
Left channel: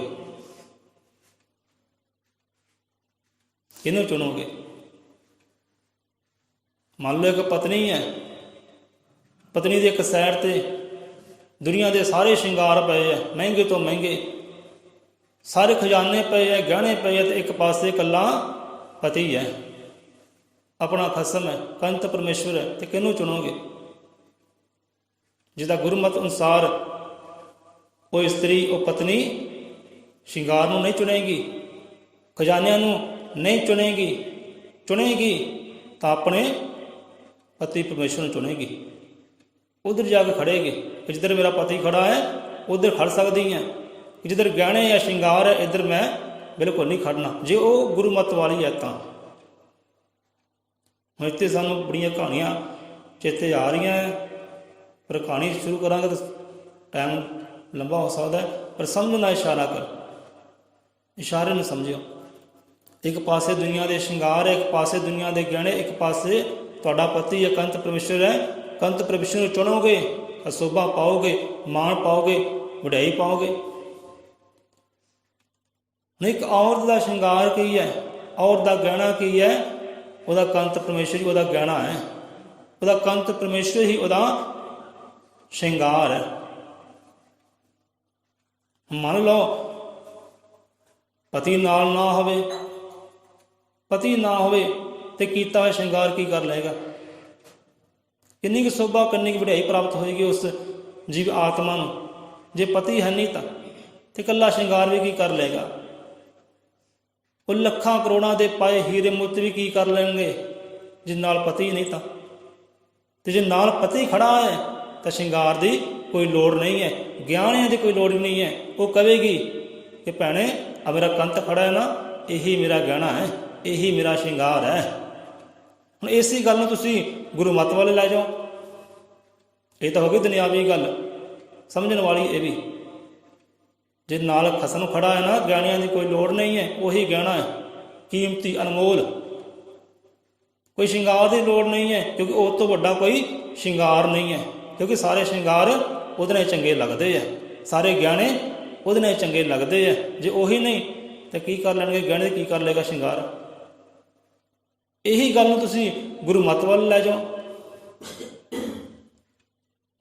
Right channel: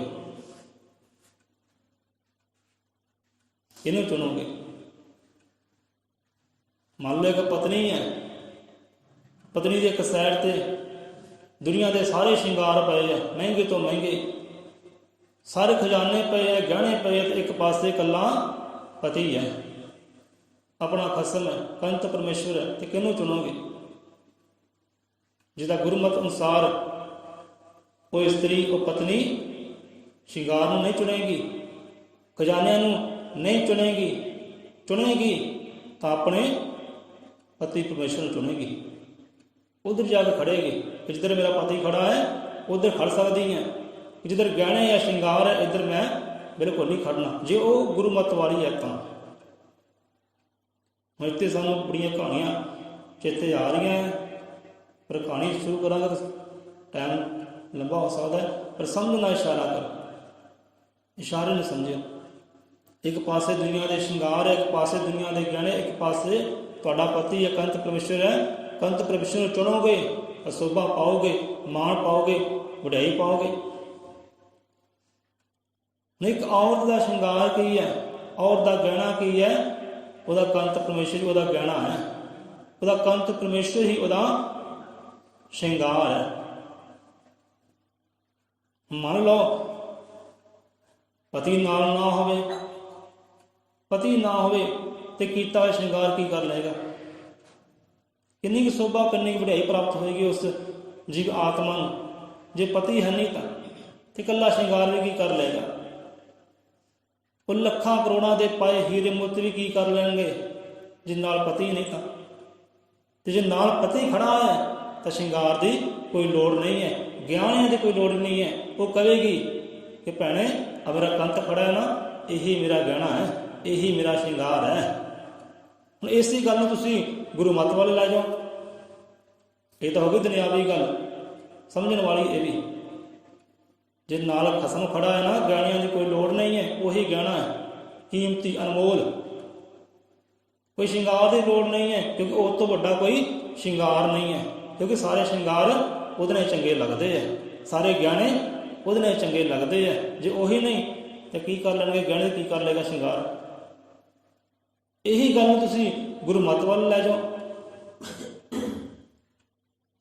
ਕਿਹਨੂੰ ਚੁਣੋਗੇ? ਮੰਨ ਲਓ ਇੱਕ ਪਤਨੀ ਹੈ, ਪਤਨੀ ਦੇ ਇੱਕ ਸਾਈਡ ਤੇ ਦੁਨੀਆ ਦੇ ਸਾਰੇ ਸ਼ਿੰਗਾਰ ਪਏ ਆ, ਮਹਿੰਗੇ ਤੋਂ ਮਹਿੰਗੇ ਸਾਰੇ ਖਜ਼ਾਨੇ ਪਏ ਆ, ਗਹਿਣੇ ਪਏ ਆ, ਤੇ ਇੱਕ ਪਾਸੇ ਇਕੱਲਾ ਪਤੀ ਹੈ, ਆਪਣਾ ਖਸਮ ਹੈ, ਕੰਤ ਪਰਮੇਸ਼ਵਰ ਹੈ। ਤੇ ਕਿਹਨੂੰ ਚੁਣੋਗੇ? ਜਿਹਦਾ ਗੁਰਮਤ ਅਨੁਸਾਰ ਉਹ ਇਸਤਰੀ, ਉਹ ਪਤਨੀ ਸ਼ਿੰਗਾਰ ਨੂੰ ਨਹੀਂ ਚੁਣੇਗੀ, ਖਜ਼ਾਨਿਆਂ ਨੂੰ ਨਹੀਂ ਚੁਣੇਗੀ। ਚੁਣੇਗੀ ਤਾਂ ਆਪਣੇ ਪਤੀ ਪਰਮੇਸ਼ਵਰ ਨੂੰ ਚੁਣੇਗੀ। ਉਧਰ ਜਾ ਕੇ ਖੜੇਗੀ ਕਿ ਜਿੱਧਰ ਮੇਰਾ ਪਤੀ ਖੜਾ ਹੈ ਉਧਰ ਖੜ ਸਕਦੀ ਹੈ, ਜਿੱਧਰ ਗਹਿਣੇ ਜਾਂ ਸ਼ਿੰਗਾਰ ਹੈ ਇੱਧਰ ਮੈਂ ਬਿਲਕੁਲ ਨਹੀਂ ਖੜਨਾ, ਜੇ ਉਹ ਗੁਰਮਤ ਵਾਲੀ ਹੈ ਤਾਂ। ਹੁਣ ਇੱਥੇ ਸਾਨੂੰ ਬੜੀਆਂ ਕਹਾਣੀਆਂ ਚੇਤੇ ਆ ਰਹੀਆਂ ਹੈ, ਪਰ ਕਹਾਣੀ ਸ਼ੁਰੂ ਕਰਾਂਗੇ ਤਾਂ ਟਾਈਮ ਲੰਬਾ ਹੋ ਸਕਦਾ ਹੈ। ਪਰ ਸਮਝਣਾ ਇਸ਼ਾਰਾ ਕਰ, ਇਸ਼ਾਰੇ ਨੂੰ ਸਮਝਿਓ। ਇੱਕ ਪਾਸੇ ਦੁਨੀਆ ਦੇ ਸ਼ਿੰਗਾਰ ਹੈ, ਇੱਕ ਪਾਸੇ ਦੁਨੀਆ ਦੇ ਗਹਿਣੇ, ਇੱਕ ਪਾਸੇ ਤੁਹਾਡਾ ਪਤੀ ਹੈ, ਕੰਤ ਪਰਮੇਸ਼ਰ ਹੈ। ਕੰਤ ਪਰਮੇਸ਼ਰ ਨੂੰ ਚੁਣੋਗੇ ਤਾਂ ਸੋਭਾ ਪਾਓਗੇ, ਮਾਣ ਪਾਓਗੇ, ਵਡਿਆਈ ਪਾਓਗੇ। ਨਹੀਂ, ਇੱਕ ਔਰਤ ਦਾ ਸ਼ਿੰਗਾਰ ਕੀ ਹੈ, ਔਰਤ ਦਾ ਗਹਿਣਾ ਕੀ ਹੈ? ਉਹਦਾ ਕੰਤ ਪਰਮੇਸ਼ਰ ਹੀ ਉਹਦਾ ਗਹਿਣਾ ਹੈ, ਉਹਦਾ ਕੰਤ ਪਰਮੇਸ਼ਰ ਹੀ ਉਹਦਾ ਸ਼ਿੰਗਾਰ ਹੈ। ਮੰਨ ਲਓ ਪਤੀ ਨਾਲ ਨਾ ਹੋਵੇ, ਪਤੀ ਨਾ ਹੋਵੇ ਤੇ ਕੀਤਾ ਹੋਇਆ ਸ਼ਿੰਗਾਰ ਕੀ ਕਰ ਲਏਗਾ? ਕਿੰਨੀ ਕੁ ਸੋਭਾ, ਕਿੰਨੀ ਕੁ ਵਡਿਆਈ ਪ੍ਰਾਪਤ ਹੋਏਗੀ ਉਸ ਜੀਵ ਆਤਮਾ ਨੂੰ। ਜੇ ਪਤੀ ਹੈ ਨਹੀਂ ਤਾਂ ਤੇ ਇਕੱਲਾ ਸ਼ਿੰਗਾਰ ਵੀ ਕੀ ਕਰ ਲਏਗਾ? ਉਹ ਲੱਖਾਂ ਕਰੋੜਾਂ ਦੇ ਪਾਏ ਹੀਰੇ ਮੋਤੀ ਵੀ ਕੀ ਕਰ ਲੈਣਗੇ ਜੇ ਨਾਲ ਪਤੀ ਨਹੀਂ ਤਾਂ। ਤੇ ਜੇ ਨਾਲ ਪਤੀ ਖੜਾ ਹੈ ਤਾਂ ਸ਼ਿੰਗਾਰ ਦੀ ਕੋਈ ਲੋੜ ਨਹੀਂ ਹੈ, ਗਿਆਨੀਆਂ ਦੀ ਕੋਈ ਲੋੜ ਨਹੀਂ ਹੈ। ਉਹ ਕਹੇਗੀ ਕਿ ਭੈਣੇ ਆ ਮੇਰਾ ਕੰਤ ਖੜਾ ਹੈ ਨਾ, ਇਹੀ ਮੇਰਾ ਗਹਿਣਾ ਹੈ, ਇਹੀ ਮੇਰਾ ਸ਼ਿੰਗਾਰ ਹੈ। ਹੁਣ ਇਸੇ ਗੱਲ ਨੂੰ ਤੁਸੀਂ ਗੁਰੂ ਮੱਤ ਵਾਲੇ ਲੈ ਜਾਓ। ਇਹ ਤਾਂ ਹੋ ਗਈ ਦੁਨਿਆਵੀ ਗੱਲ, ਸਮਝਣ ਵਾਲੀ ਇਹ ਵੀ। ਜੇ ਨਾਲ ਖਸਮ ਖੜਾ ਹੈ ਨਾ, ਗਹਿਣਿਆਂ ਦੀ ਕੋਈ ਲੋੜ ਨਹੀਂ ਹੈ, ਉਹੀ ਗਹਿਣਾ ਹੈ, ਕੀਮਤੀ, ਅਨਮੋਲ। ਕੋਈ ਸ਼ਿੰਗਾਰ ਦੀ ਲੋੜ ਨਹੀਂ ਹੈ, ਕਿਉਂਕਿ ਉਸ ਤੋਂ ਵੱਡਾ ਕੋਈ ਸ਼ਿੰਗਾਰ ਨਹੀਂ ਹੈ। ਕਿਉਂਕਿ ਸਾਰੇ ਸ਼ਿੰਗਾਰ ਉਹਦੇ ਨਾਲ ਚੰਗੇ ਲੱਗਦੇ ਆ, ਸਾਰੇ ਗਹਿਣੇ ਉਹਦੇ ਨਾਲ ਚੰਗੇ ਲੱਗਦੇ ਆ। ਜੇ ਉਹੀ ਨਹੀਂ ਤਾਂ ਕੀ ਕਰ ਲੈਣਗੇ ਗਹਿਣੇ, ਕੀ ਕਰ ਲਏਗਾ ਸ਼ਿੰਗਾਰ? ਇਹੀ ਗੱਲ ਨੂੰ ਤੁਸੀਂ ਗੁਰੂ ਮੱਤ ਵੱਲ ਲੈ ਜਾਓ।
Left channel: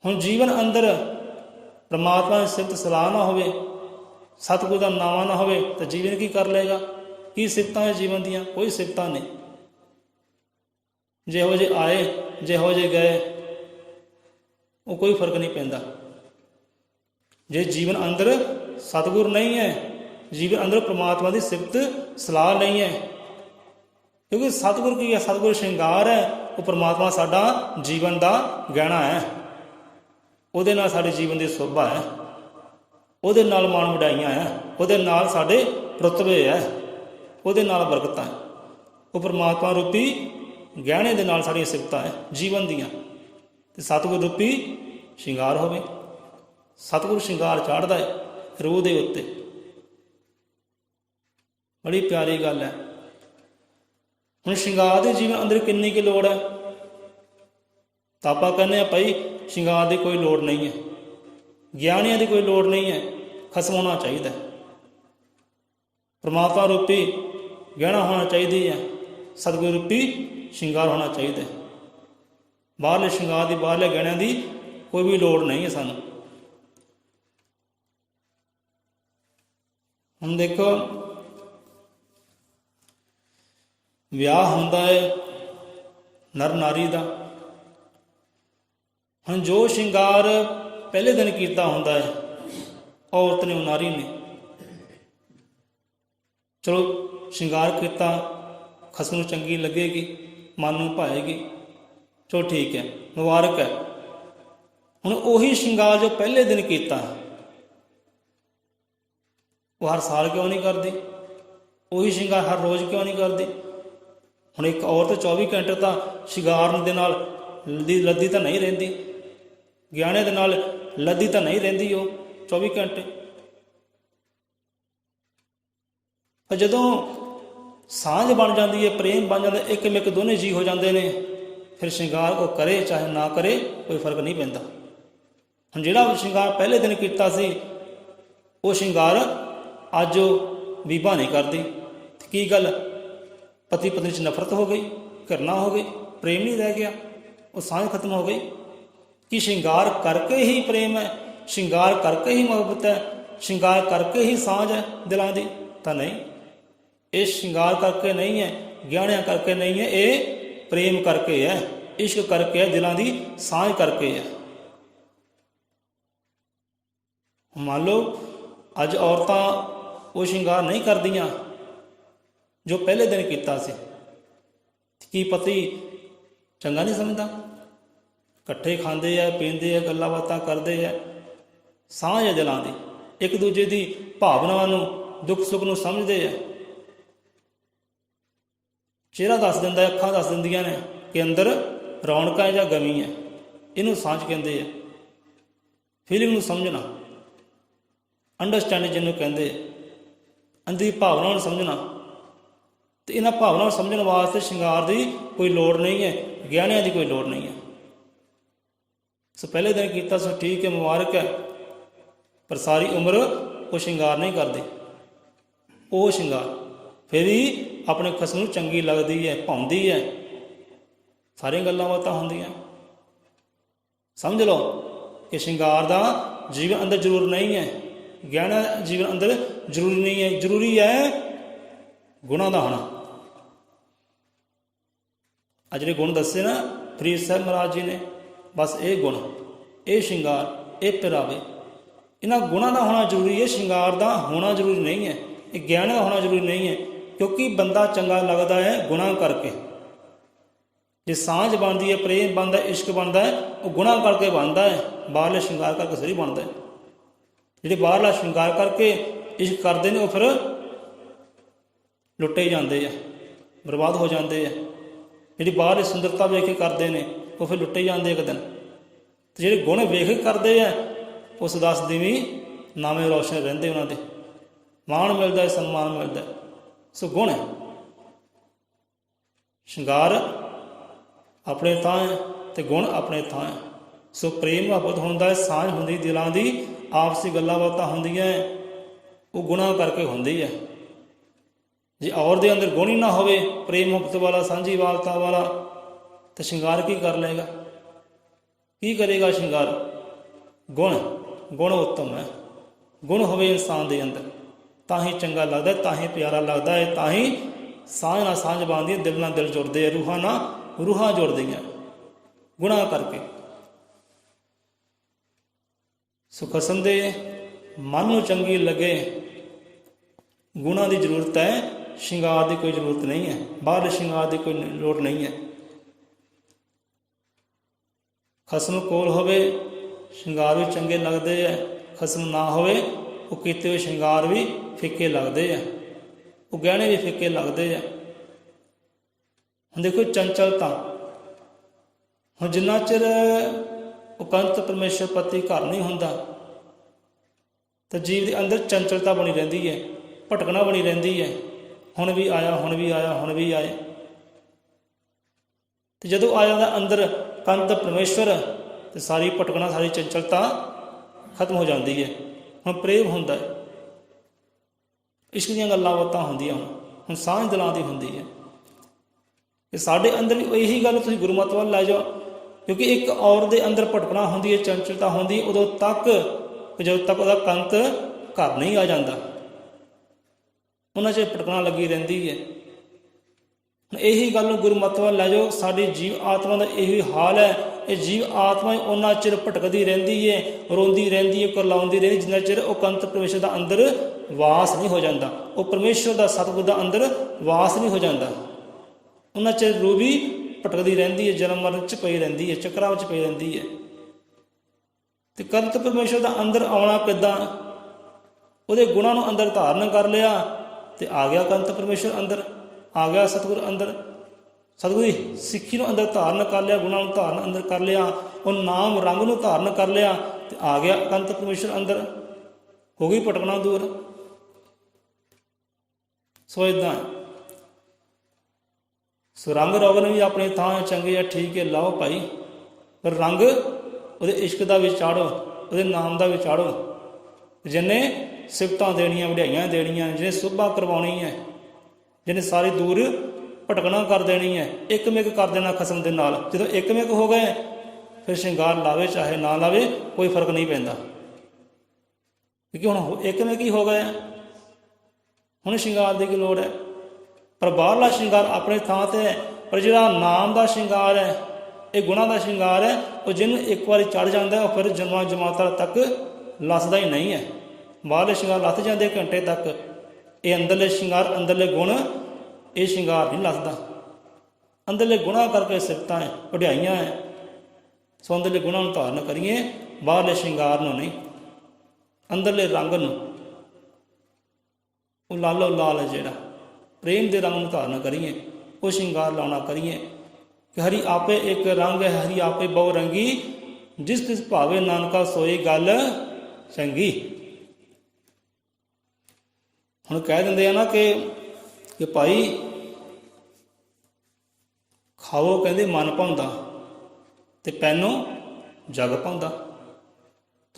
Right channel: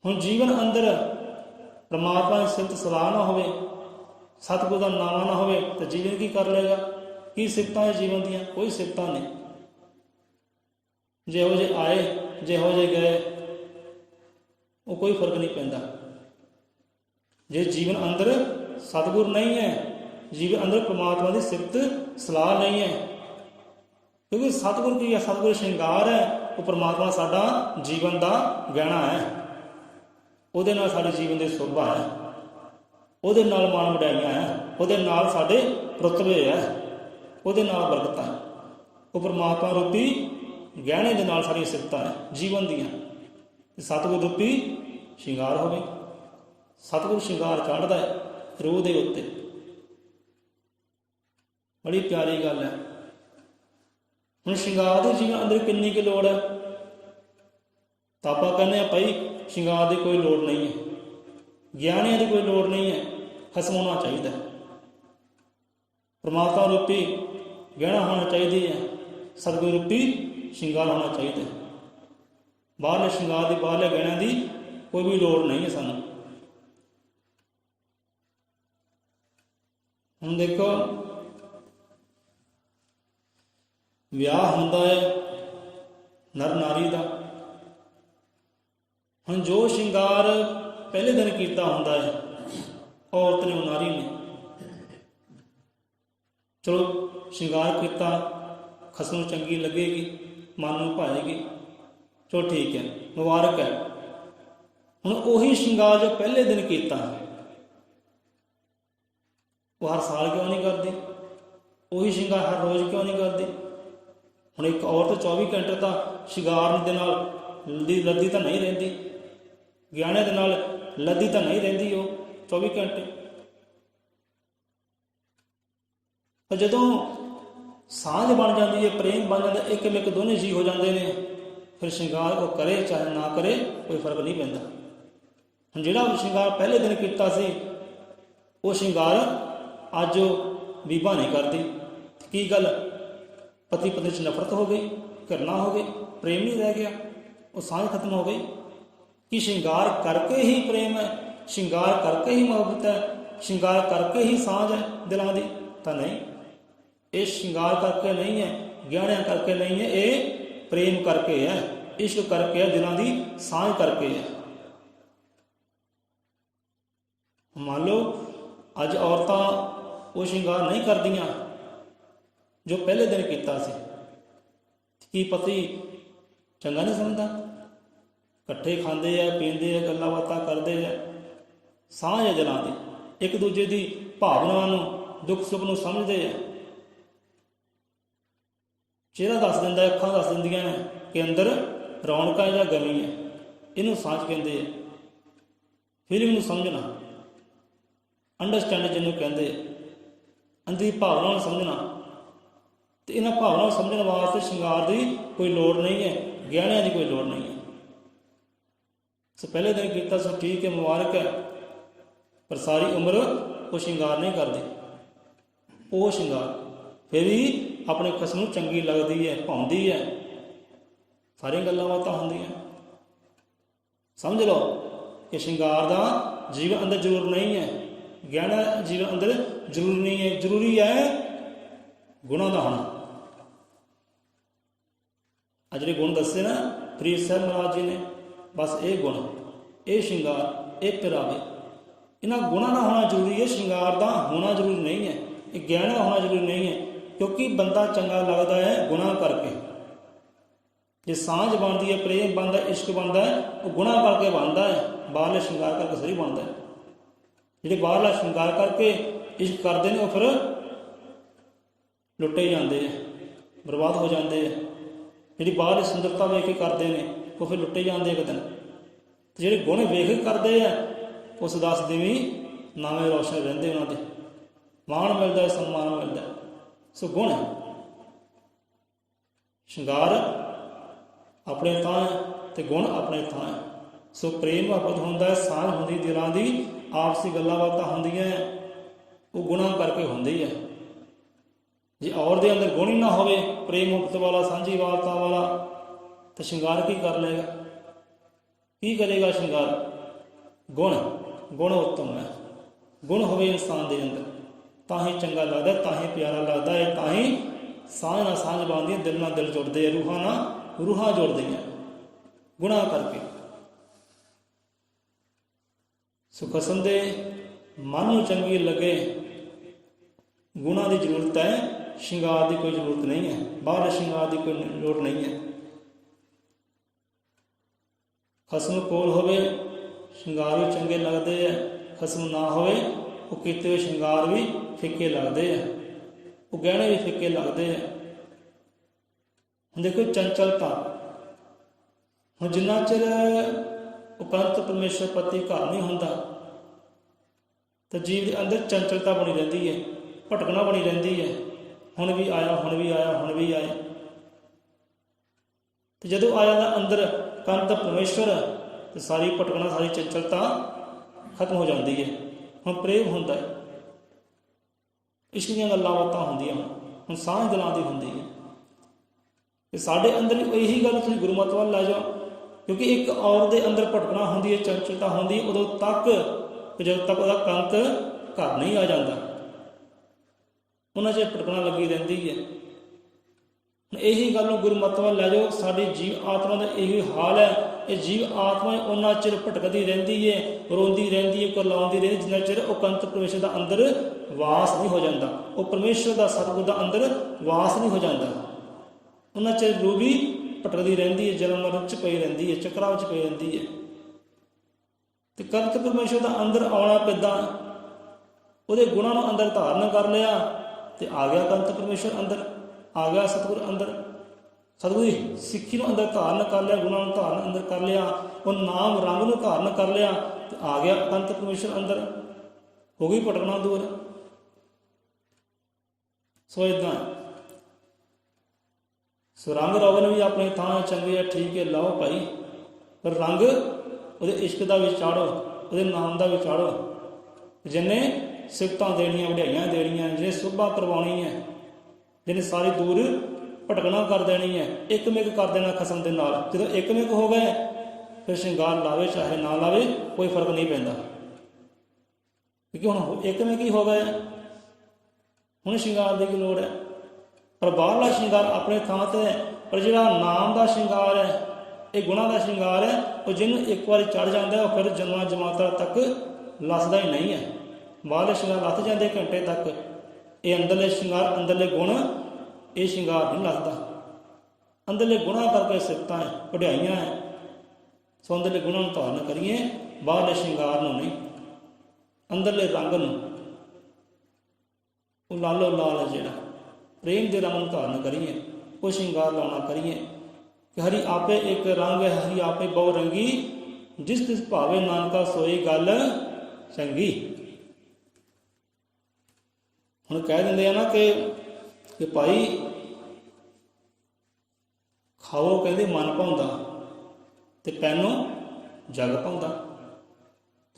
ਹੁਣ ਜੀਵਨ ਅੰਦਰ ਪਰਮਾਤਮਾ ਦੀ ਸਿਫਤ ਸਲਾਹ ਨਾ ਹੋਵੇ, ਸਤਿਗੁਰੂ ਦਾ ਨਾਮ ਨਾ ਹੋਵੇ ਤਾਂ ਜੀਵਨ ਕੀ ਕਰ ਲਏਗਾ? ਕੀ ਸਿਫਤਾਂ ਹੈ ਜੀਵਨ ਦੀਆਂ? ਕੋਈ ਸਿਫਤਾਂ ਨਹੀਂ। ਜਿਹੋ ਜਿਹੇ ਆਏ, ਜਿਹੋ ਜਿਹੇ ਗਏ, ਉਹ ਕੋਈ ਫਰਕ ਨਹੀਂ ਪੈਂਦਾ। ਜੇ ਜੀਵਨ ਅੰਦਰ ਸਤਿਗੁਰ ਨਹੀਂ ਹੈ, ਜੀਵਨ ਅੰਦਰ ਪਰਮਾਤਮਾ ਦੀ ਸਿਫਤ ਸਲਾਹ ਨਹੀਂ ਹੈ। ਕਿਉਂਕਿ ਸਤਿਗੁਰ ਕੀ ਹੈ? ਸਤਿਗੁਰ ਸ਼ਿੰਗਾਰ ਹੈ। ਉਹ ਪਰਮਾਤਮਾ ਸਾਡਾ ਜੀਵਨ ਦਾ ਗਹਿਣਾ ਹੈ। ਉਹਦੇ ਨਾਲ ਸਾਡੇ ਜੀਵਨ ਦੀ ਸੋਭਾ ਹੈ, ਉਹਦੇ ਨਾਲ ਮਾਣ ਵਡਾਈਆਂ ਹੈ, ਉਹਦੇ ਨਾਲ ਸਾਡੇ ਰੁਤਬੇ ਹੈ, ਉਹਦੇ ਨਾਲ ਬਰਕਤਾਂ ਹੈ। ਉਹ ਪਰਮਾਤਮਾ ਰੂਪੀ ਗਹਿਣੇ ਦੇ ਨਾਲ ਸਾਡੀਆਂ ਸਿਫਤਾਂ ਹੈ ਜੀਵਨ ਦੀਆਂ। ਤੇ ਸਤਿਗੁਰ ਰੂਪੀ ਸ਼ਿੰਗਾਰ ਹੋਵੇ। ਸਤਿਗੁਰ ਸ਼ਿੰਗਾਰ ਚਾੜਦਾ ਹੈ ਰੂਹ ਦੇ ਉੱਤੇ। ਬੜੀ ਪਿਆਰੀ ਗੱਲ ਹੈ। ਹੁਣ ਸ਼ਿੰਗਾਰ ਦੇ ਜੀਵਨ ਅੰਦਰ ਕਿੰਨੀ ਕੁ ਲੋੜ ਹੈ? ਤਾਂ ਆਪਾਂ ਕਹਿੰਦੇ ਹਾਂ ਭਾਈ ਸ਼ਿੰਗਾਰ ਦੀ ਕੋਈ ਲੋੜ ਨਹੀਂ ਹੈ, ਗਿਆਨੀਆਂ ਦੀ ਕੋਈ ਲੋੜ ਨਹੀਂ ਹੈ, ਖਸਮ ਹੋਣਾ ਚਾਹੀਦਾ। ਪਰਮਾਤਮਾ ਰੂਪੀ ਗਹਿਣਾ ਹੋਣਾ ਚਾਹੀਦੀ ਹੈ, ਸਤਿਗੁਰ ਰੂਪੀ ਸ਼ਿੰਗਾਰ ਹੋਣਾ ਚਾਹੀਦਾ। ਬਾਹਰਲੇ ਸ਼ਿੰਗਾਰ ਦੀ, ਬਾਹਰਲੇ ਗਹਿਣਿਆਂ ਦੀ ਕੋਈ ਵੀ ਲੋੜ ਨਹੀਂ ਹੈ ਸਾਨੂੰ। ਹੁਣ ਦੇਖੋ, ਵਿਆਹ ਹੁੰਦਾ ਹੈ ਨਰ ਨਾਰੀ ਦਾ। ਹੁਣ ਜੋ ਸ਼ਿੰਗਾਰ ਪਹਿਲੇ ਦਿਨ ਕੀਤਾ ਹੁੰਦਾ ਹੈ ਔਰਤ ਨੇ, ਨਾਰੀ ਨੇ, ਚਲੋ ਸ਼ਿੰਗਾਰ ਕੀਤਾ, ਖਸਮ ਨੂੰ ਚੰਗੀ ਲੱਗੇਗੀ, ਮਨ ਨੂੰ ਭਾਏਗੀ, ਚਲੋ ਠੀਕ ਹੈ, ਮੁਬਾਰਕ ਹੈ। ਹੁਣ ਉਹੀ ਸ਼ਿੰਗਾਰ ਜੋ ਪਹਿਲੇ ਦਿਨ ਕੀਤਾ ਉਹ ਹਰ ਸਾਲ ਕਿਉਂ ਨਹੀਂ ਕਰਦੀ? ਉਹੀ ਸ਼ਿੰਗਾਰ ਹਰ ਰੋਜ਼ ਕਿਉਂ ਨਹੀਂ ਕਰਦੀ? ਹੁਣ ਇੱਕ ਔਰਤ 24 ਘੰਟੇ ਤਾਂ ਸ਼ਿੰਗਾਰ ਦੇ ਨਾਲ ਲੱਦੀ ਤਾਂ ਨਹੀਂ ਰਹਿੰਦੀ, ਗਿਆਣਿਆਂ ਦੇ ਨਾਲ ਲੱਦੀ ਤਾਂ ਨਹੀਂ ਰਹਿੰਦੀ ਉਹ 24 ਘੰਟੇ। ਪਰ ਜਦੋਂ ਸਾਂਝ ਬਣ ਜਾਂਦੀ ਹੈ, ਪ੍ਰੇਮ ਬਣ ਜਾਂਦਾ, ਇੱਕ ਮਿੱਕ ਦੋਨੇ ਜੀ ਹੋ ਜਾਂਦੇ ਨੇ, ਫਿਰ ਸ਼ਿੰਗਾਰ ਉਹ ਕਰੇ ਚਾਹੇ ਨਾ ਕਰੇ ਕੋਈ ਫਰਕ ਨਹੀਂ ਪੈਂਦਾ। ਹੁਣ ਜਿਹੜਾ ਸ਼ਿੰਗਾਰ ਪਹਿਲੇ ਦਿਨ ਕੀਤਾ ਸੀ ਉਹ ਸ਼ਿੰਗਾਰ ਅੱਜ ਉਹ ਬੀਬਾ ਨਹੀਂ ਕਰਦੀ। ਕੀ ਗੱਲ? ਪਤੀ ਪਤਨੀ 'ਚ ਨਫ਼ਰਤ ਹੋ ਗਈ, ਘਿਰਣਾ ਹੋ ਗਈ, ਪ੍ਰੇਮ ਨਹੀਂ ਰਹਿ ਗਿਆ, ਉਹ ਸਾਂਝ ਖਤਮ ਹੋ ਗਈ। ਕਿ ਸ਼ਿੰਗਾਰ ਕਰਕੇ ਹੀ ਪ੍ਰੇਮ ਹੈ, ਸ਼ਿੰਗਾਰ ਕਰਕੇ ਹੀ ਮੁਹੱਬਤ ਹੈ, ਸ਼ਿੰਗਾਰ ਕਰਕੇ ਹੀ ਸਾਂਝ ਹੈ ਦਿਲਾਂ ਦੀ? ਤਾਂ ਨਹੀਂ, ਇਹ ਸ਼ਿੰਗਾਰ ਕਰਕੇ ਨਹੀਂ ਹੈ, ਗਿਆਣਿਆਂ ਕਰਕੇ ਨਹੀਂ ਹੈ, ਇਹ ਪ੍ਰੇਮ ਕਰਕੇ ਹੈ, ਇਸ਼ਕ ਕਰਕੇ ਹੈ, ਦਿਲਾਂ ਦੀ ਸਾਂਝ ਕਰਕੇ ਹੈ। ਮੰਨ ਲਓ ਅੱਜ ਔਰਤਾਂ ਉਹ ਸ਼ਿੰਗਾਰ ਨਹੀਂ ਕਰਦੀਆਂ ਜੋ ਪਹਿਲੇ ਦਿਨ ਕੀਤਾ ਸੀ। ਕੀ ਪਤੀ ਚੰਗਾ ਨਹੀਂ ਸਮਝਦਾ? ਇਕੱਠੇ ਖਾਂਦੇ ਆ, ਪੀਂਦੇ ਆ, ਗੱਲਾਂ ਬਾਤਾਂ ਕਰਦੇ ਆ, ਸਾਂਝ ਹੈ ਦਿਲਾਂ ਦੀ, ਇੱਕ ਦੂਜੇ ਦੀ ਭਾਵਨਾਵਾਂ ਨੂੰ, ਦੁੱਖ ਸੁੱਖ ਨੂੰ ਸਮਝਦੇ ਆ। ਚਿਹਰਾ ਦੱਸ ਦਿੰਦਾ, ਅੱਖਾਂ ਦੱਸ ਦਿੰਦੀਆਂ ਨੇ ਕਿ ਅੰਦਰ ਰੌਣਕਾਂ ਜਾਂ ਗਮੀ ਹੈ। ਇਹਨੂੰ ਸਾਂਝ ਕਹਿੰਦੇ ਆ। ਫੀਲਿੰਗ ਨੂੰ ਸਮਝਣਾ, ਅੰਡਰਸਟੈਂਡਿੰਗ ਜਿਹਨੂੰ ਕਹਿੰਦੇ ਆ, ਅੰਦਰੀ ਭਾਵਨਾ ਨੂੰ ਸਮਝਣਾ। ਤੇ ਇਹਨਾਂ ਭਾਵਨਾ ਨੂੰ ਸਮਝਣ ਵਾਸਤੇ ਸ਼ਿੰਗਾਰ ਦੀ ਕੋਈ ਲੋੜ ਨਹੀਂ ਹੈ, ਗਿਆਣਿਆਂ ਦੀ ਕੋਈ ਲੋੜ ਨਹੀਂ ਹੈ। ਸੋ ਪਹਿਲੇ ਦਿਨ ਕੀਤਾ ਸੋ ਠੀਕ ਹੈ, ਮੁਬਾਰਕ ਹੈ, ਪਰ ਸਾਰੀ ਉਮਰ ਉਹ ਸ਼ਿੰਗਾਰ ਨਹੀਂ ਕਰਦੇ। ਉਹ ਸ਼ਿੰਗਾਰ ਫਿਰ ਵੀ ਆਪਣੇ ਖਸਮ ਨੂੰ ਚੰਗੀ ਲੱਗਦੀ ਹੈ, ਭਾਉਂਦੀ ਹੈ, ਸਾਰੀਆਂ ਗੱਲਾਂ ਬਾਤਾਂ ਹੁੰਦੀਆਂ। ਸਮਝ ਲਓ ਕਿ ਸ਼ਿੰਗਾਰ ਦਾ ਜੀਵਨ ਅੰਦਰ ਜ਼ਰੂਰ ਨਹੀਂ ਹੈ, ਗਹਿਣਾ ਜੀਵਨ ਅੰਦਰ ਜ਼ਰੂਰੀ ਨਹੀਂ ਹੈ। ਜ਼ਰੂਰੀ ਹੈ ਗੁਣਾਂ ਦਾ ਹੋਣਾ। ਆ ਜਿਹੜੇ ਗੁਣ ਦੱਸੇ ਨਾ ਫਰੀਦ ਸਾਹਿਬ ਮਹਾਰਾਜ ਜੀ ਨੇ, बस ये गुण, ये श्रृंगार, ये पिरावे, इन्हां गुणां का होना जरूरी है, श्रृंगार का होना जरूरी नहीं है, ये ज्ञान का होना जरूरी नहीं है। क्योंकि बंदा चंगा लगता है गुणां करके। जे सांझ बनती है, प्रेम बनता है, इश्क बनता है, वो गुणां करके बनता है, बाहरले श्रृंगार करके सही बनता है। ਜਿਹੜੇ ਬਾਹਰਲਾ ਸ਼ਿੰਗਾਰ ਕਰਕੇ ਇਸ਼ਕ ਕਰਦੇ ਨੇ ਉਹ ਫਿਰ ਲੁੱਟੇ ਜਾਂਦੇ ਆ, ਬਰਬਾਦ ਹੋ ਜਾਂਦੇ ਆ। ਜਿਹੜੀ ਬਾਹਰਲੀ ਸੁੰਦਰਤਾ ਵੇਖ ਕੇ ਕਰਦੇ ਨੇ ਉਹ ਫਿਰ ਲੁੱਟੇ ਜਾਂਦੇ ਇੱਕ ਦਿਨ। ਅਤੇ ਜਿਹੜੇ ਗੁਣ ਵੇਖ ਕੇ ਕਰਦੇ ਆ ਉਸ ਦਾਸ ਦੇ ਵੀ ਨਾਵੇਂ ਰੌਸ਼ਨ ਰਹਿੰਦੇ, ਉਹਨਾਂ ਦੇ ਮਾਣ ਮਿਲਦਾ, ਸਨਮਾਨ ਮਿਲਦਾ। ਸੋ ਗੁਣ ਸ਼ਿੰਗਾਰ ਆਪਣੇ ਥਾਂ ਹੈ ਅਤੇ ਗੁਣ ਆਪਣੇ ਥਾਂ ਹੈ। ਸੋ ਪ੍ਰੇਮ ਮੁਹੱਬਤ ਹੁੰਦਾ, ਸਾਂਝ ਹੁੰਦੀ ਦਿਲਾਂ ਦੀ, ਆਪਸੀ ਗੱਲਾਂ ਬਾਤਾਂ ਹੁੰਦੀਆਂ, ਉਹ ਗੁਣਾਂ ਕਰਕੇ ਹੁੰਦੀ ਹੈ। ਜੇ ਔਰ ਦੇ ਅੰਦਰ ਗੁਣ ਹੀ ਨਾ ਹੋਵੇ, ਪ੍ਰੇਮ ਮੁਹੱਬਤ ਵਾਲਾ, ਸਾਂਝੀ ਵਾਲਤਾ ਵਾਲਾ, ਤਾਂ ਸ਼ਿੰਗਾਰ ਕੀ ਕਰ ਲਏਗਾ, ਕੀ ਕਰੇਗਾ ਸ਼ਿੰਗਾਰ? ਗੁਣ ਉੱਤਮ ਹੈ। ਗੁਣ ਹੋਵੇ ਇਨਸਾਨ ਦੇ ਅੰਦਰ ਤਾਂ ਹੀ ਚੰਗਾ ਲੱਗਦਾ, ਤਾਂ ਹੀ ਪਿਆਰਾ ਲੱਗਦਾ ਹੈ, ਤਾਂ ਹੀ ਸਾਂਝ ਨਾਲ ਸਾਂਝ ਬਣਦੀ ਹੈ, ਦਿਲ ਨਾਲ ਦਿਲ ਜੁੜਦੇ ਆ, ਰੂਹਾਂ ਨਾਲ ਰੂਹਾਂ ਜੁੜਦੀਆਂ ਗੁਣਾਂ ਕਰਕੇ। ਸੋ ਖਸਮ ਦੇ ਮਨ ਨੂੰ ਚੰਗੀ ਲੱਗੇ, ਗੁਣਾਂ ਦੀ ਜ਼ਰੂਰਤ ਹੈ, ਸ਼ਿੰਗਾਰ ਦੀ ਕੋਈ ਜ਼ਰੂਰਤ ਨਹੀਂ ਹੈ, ਬਾਹਰਲੇ ਸ਼ਿੰਗਾਰ ਦੀ ਕੋਈ ਲੋੜ ਨਹੀਂ ਹੈ। ਖਸਮ ਕੋਲ ਹੋਵੇ ਸ਼ਿੰਗਾਰ ਵੀ ਚੰਗੇ ਲੱਗਦੇ ਆ, ਖਸਮ ਨਾ ਹੋਵੇ ਉਹ ਕੀਤੇ ਹੋਏ ਸ਼ਿੰਗਾਰ ਵੀ ਫਿੱਕੇ ਲੱਗਦੇ ਆ, ਉਹ ਗਹਿਣੇ ਵੀ ਫਿੱਕੇ ਲੱਗਦੇ ਆ। ਹੁਣ ਦੇਖੋ ਚੰਚਲਤਾ, ਹੁਣ ਜਿੰਨਾ ਚਿਰ ਉਕੰਤ ਪਰਮੇਸ਼ਰ ਪ੍ਰਤੀ ਘਰ ਨਹੀਂ ਹੁੰਦਾ ਤਾਂ ਜੀਵ ਦੇ ਅੰਦਰ ਚੰਚਲਤਾ ਬਣੀ ਰਹਿੰਦੀ ਹੈ, ਭਟਕਣਾ ਬਣੀ ਰਹਿੰਦੀ ਹੈ, ਹੁਣ ਵੀ ਆਇਆ, ਹੁਣ ਵੀ ਆਇਆ, ਹੁਣ ਵੀ ਆਇਆ। ਅਤੇ ਜਦੋਂ ਆ ਜਾਂਦਾ ਅੰਦਰ ਕੰਤ ਪਰਮੇਸ਼ਵਰ ਤਾਂ ਸਾਰੀ ਭਟਕਣਾ, ਸਾਰੀ ਚੰਚਲਤਾ ਖਤਮ ਹੋ ਜਾਂਦੀ ਹੈ। ਹੁਣ ਪ੍ਰੇਮ ਹੁੰਦਾ, ਇਸ਼ਕ ਦੀਆਂ ਗੱਲਾਂ ਬਾਤਾਂ ਹੁੰਦੀਆਂ, ਹੁਣ ਸਾਂਝ ਦਿਲਾਂ ਦੀ ਹੁੰਦੀ ਹੈ। ਅਤੇ ਸਾਡੇ ਅੰਦਰ ਵੀ ਇਹੀ ਗੱਲ ਤੁਸੀਂ ਗੁਰਮਤਿ ਵੱਲ ਲੈ ਜਾਓ। ਕਿਉਂਕਿ ਇੱਕ ਔਰਤ ਦੇ ਅੰਦਰ ਭਟਕਣਾ ਹੁੰਦੀ ਹੈ, ਚੰਚਲਤਾ ਹੁੰਦੀ, ਉਦੋਂ ਤੱਕ ਜਦੋਂ ਤੱਕ ਉਹਦਾ ਕੰਤ ਘਰ ਨਹੀਂ ਆ ਜਾਂਦਾ, ਉਹਨਾਂ 'ਚ ਭਟਕਣਾ ਲੱਗੀ ਰਹਿੰਦੀ ਹੈ। ਇਹੀ ਗੱਲ ਨੂੰ ਗੁਰਮਤਿ ਵੱਲ ਲੈ ਜਾਓ। ਸਾਡੀ ਜੀਵ ਆਤਮਾ ਦਾ ਇਹੀ ਹਾਲ ਹੈ। ਇਹ ਜੀਵ ਆਤਮਾ ਉਹਨਾਂ ਚਿਰ ਭਟਕਦੀ ਰਹਿੰਦੀ ਹੈ, ਰੋਂਦੀ ਰਹਿੰਦੀ ਹੈ, ਕਰਲਾਉਂਦੀ ਰਹਿੰਦੀ, ਜਿੰਨਾ ਚਿਰ ਉਹ ਕੰਤ ਪਰਮੇਸ਼ਰ ਦਾ ਅੰਦਰ ਵਾਸ ਨਹੀਂ ਹੋ ਜਾਂਦਾ, ਉਹ ਪਰਮੇਸ਼ਰ ਦਾ ਸਤਿਗੁਰ ਦਾ ਅੰਦਰ ਵਾਸ ਨਹੀਂ ਹੋ ਜਾਂਦਾ, ਉਹਨਾਂ ਚਿਰ ਰੂਹ ਵੀ ਭਟਕਦੀ ਰਹਿੰਦੀ ਹੈ, ਜਨਮ ਮਰਨ 'ਚ ਪਈ ਰਹਿੰਦੀ ਹੈ, ਚੱਕਰਾਂ ਵਿੱਚ ਪਈ ਰਹਿੰਦੀ ਹੈ। ਅਤੇ ਕੰਤ ਪਰਮੇਸ਼ਰ ਦਾ ਅੰਦਰ ਆਉਣਾ ਕਿੱਦਾਂ? ਉਹਦੇ ਗੁਣਾਂ ਨੂੰ ਅੰਦਰ ਧਾਰਨ ਕਰ ਲਿਆ ਅਤੇ ਆ ਗਿਆ ਕੰਤ ਪਰਮੇਸ਼ਰ ਅੰਦਰ, ਆ ਗਿਆ ਸਤਿਗੁਰ ਅੰਦਰ, ਸਤਿਗੁਰ ਦੀ ਸਿੱਖੀ ਨੂੰ ਅੰਦਰ ਧਾਰਨ ਕਰ ਲਿਆ, ਗੁਣਾਂ ਨੂੰ ਧਾਰਨ ਅੰਦਰ ਕਰ ਲਿਆ, ਉਹ ਨਾਮ ਰੰਗ ਨੂੰ ਧਾਰਨ ਕਰ ਲਿਆ ਅਤੇ ਆ ਗਿਆ ਕੰਤ ਪਰਮੇਸ਼ਰ ਅੰਦਰ, ਹੋ ਗਈ ਭਟਕਣਾ ਦੂਰ। ਸੋ ਇੱਦਾਂ ਸੋ ਰੰਗ ਰੋਗਨ ਵੀ ਆਪਣੇ ਥਾਂ ਚੰਗੇ ਆ, ਠੀਕ ਹੈ, ਲਾਓ ਭਾਈ, ਪਰ ਰੰਗ ਉਹਦੇ ਇਸ਼ਕ ਦਾ ਵੀ ਚਾੜੋ, ਉਹਦੇ ਨਾਮ ਦਾ ਵੀ ਚਾੜੋ। ਜਿਹਨੇ ਸਿਫਤਾਂ ਦੇਣੀਆਂ, ਵਡਿਆਈਆਂ ਦੇਣੀਆਂ, ਜਿਹਨੇ ਸੁਭਾ ਕਰਵਾਉਣੀ ਹੈ, ਜਿਹਨੇ ਸਾਰੀ ਦੂਰ ਭਟਕਣਾ ਕਰ ਦੇਣੀ ਹੈ, ਇੱਕਮਿਕ ਕਰ ਦੇਣਾ ਖਸਮ ਦੇ ਨਾਲ। ਜਦੋਂ ਇੱਕਮਿਕ ਹੋ ਗਏ ਫਿਰ ਸ਼ਿੰਗਾਰ ਲਾਵੇ ਚਾਹੇ ਨਾ ਲਾਵੇ ਕੋਈ ਫਰਕ ਨਹੀਂ ਪੈਂਦਾ, ਕਿਉਂਕਿ ਹੁਣ ਇੱਕਮਿਕ ਹੀ ਹੋ ਗਏ, ਹੁਣ ਸ਼ਿੰਗਾਰ ਦੀ ਕੀ ਲੋੜ ਹੈ। ਪਰ ਬਾਹਰਲਾ ਸ਼ਿੰਗਾਰ ਆਪਣੇ ਥਾਂ 'ਤੇ ਹੈ, ਪਰ ਜਿਹੜਾ ਨਾਮ ਦਾ ਸ਼ਿੰਗਾਰ ਹੈ, ਇਹ ਗੁਣਾਂ ਦਾ ਸ਼ਿੰਗਾਰ ਹੈ, ਉਹ ਜਿਹਨੂੰ ਇੱਕ ਵਾਰੀ ਚੜ੍ਹ ਜਾਂਦਾ ਉਹ ਫਿਰ ਜਨਮਾਂ ਜਮਾਤਾਂ ਤੱਕ ਲੱਥਦਾ ਹੀ ਨਹੀਂ ਹੈ। ਬਾਹਰਲੇ ਸ਼ਿੰਗਾਰ ਲੱਥ ਜਾਂਦੇ ਘੰਟੇ ਤੱਕ, ਇਹ ਅੰਦਰਲੇ ਸ਼ਿੰਗਾਰ, ਅੰਦਰਲੇ ਗੁਣ, ਇਹ ਸ਼ਿੰਗਾਰ ਨਹੀਂ ਲੱਥਦਾ। ਅੰਦਰਲੇ ਗੁਣਾਂ ਕਰਕੇ ਸਿਫਤਾਂ ਹੈ, ਵਡਿਆਈਆਂ ਹੈ। ਸੋ ਅੰਦਰਲੇ ਗੁਣਾਂ ਨੂੰ ਧਾਰਨ ਕਰੀਏ, ਬਾਹਰਲੇ ਸ਼ਿੰਗਾਰ ਨੂੰ ਨਹੀਂ, ਅੰਦਰਲੇ ਰੰਗ ਨੂੰ, ਉਹ ਲਾਲੋ ਲਾਲ ਹੈ ਜਿਹੜਾ ਪ੍ਰੇਮ ਦੇ ਰੰਗ ਨੂੰ ਧਾਰਨ ਕਰੀਏ, ਉਹ ਸ਼ਿੰਗਾਰ ਲਾਉਣਾ ਕਰੀਏ ਕਿ ਹਰੀ ਆਪੇ ਇੱਕ ਰੰਗ ਹੈ, ਹਰੀ ਆਪੇ ਬਹੁ ਰੰਗੀ, ਜਿਸ ਤਿਸ ਭਾਵੇ ਨਾਨਕਾ ਸੋਈ ਗੱਲ ਚੰਗੀ। ਹੁਣ ਕਹਿ ਦਿੰਦੇ ਆ ਨਾ ਕਿ ਭਾਈ ਖਾਓ, ਕਹਿੰਦੇ ਮਨ ਭਾਉਂਦਾ ਅਤੇ ਪੈਨੋਂ ਜਗ ਭਾਉਂਦਾ।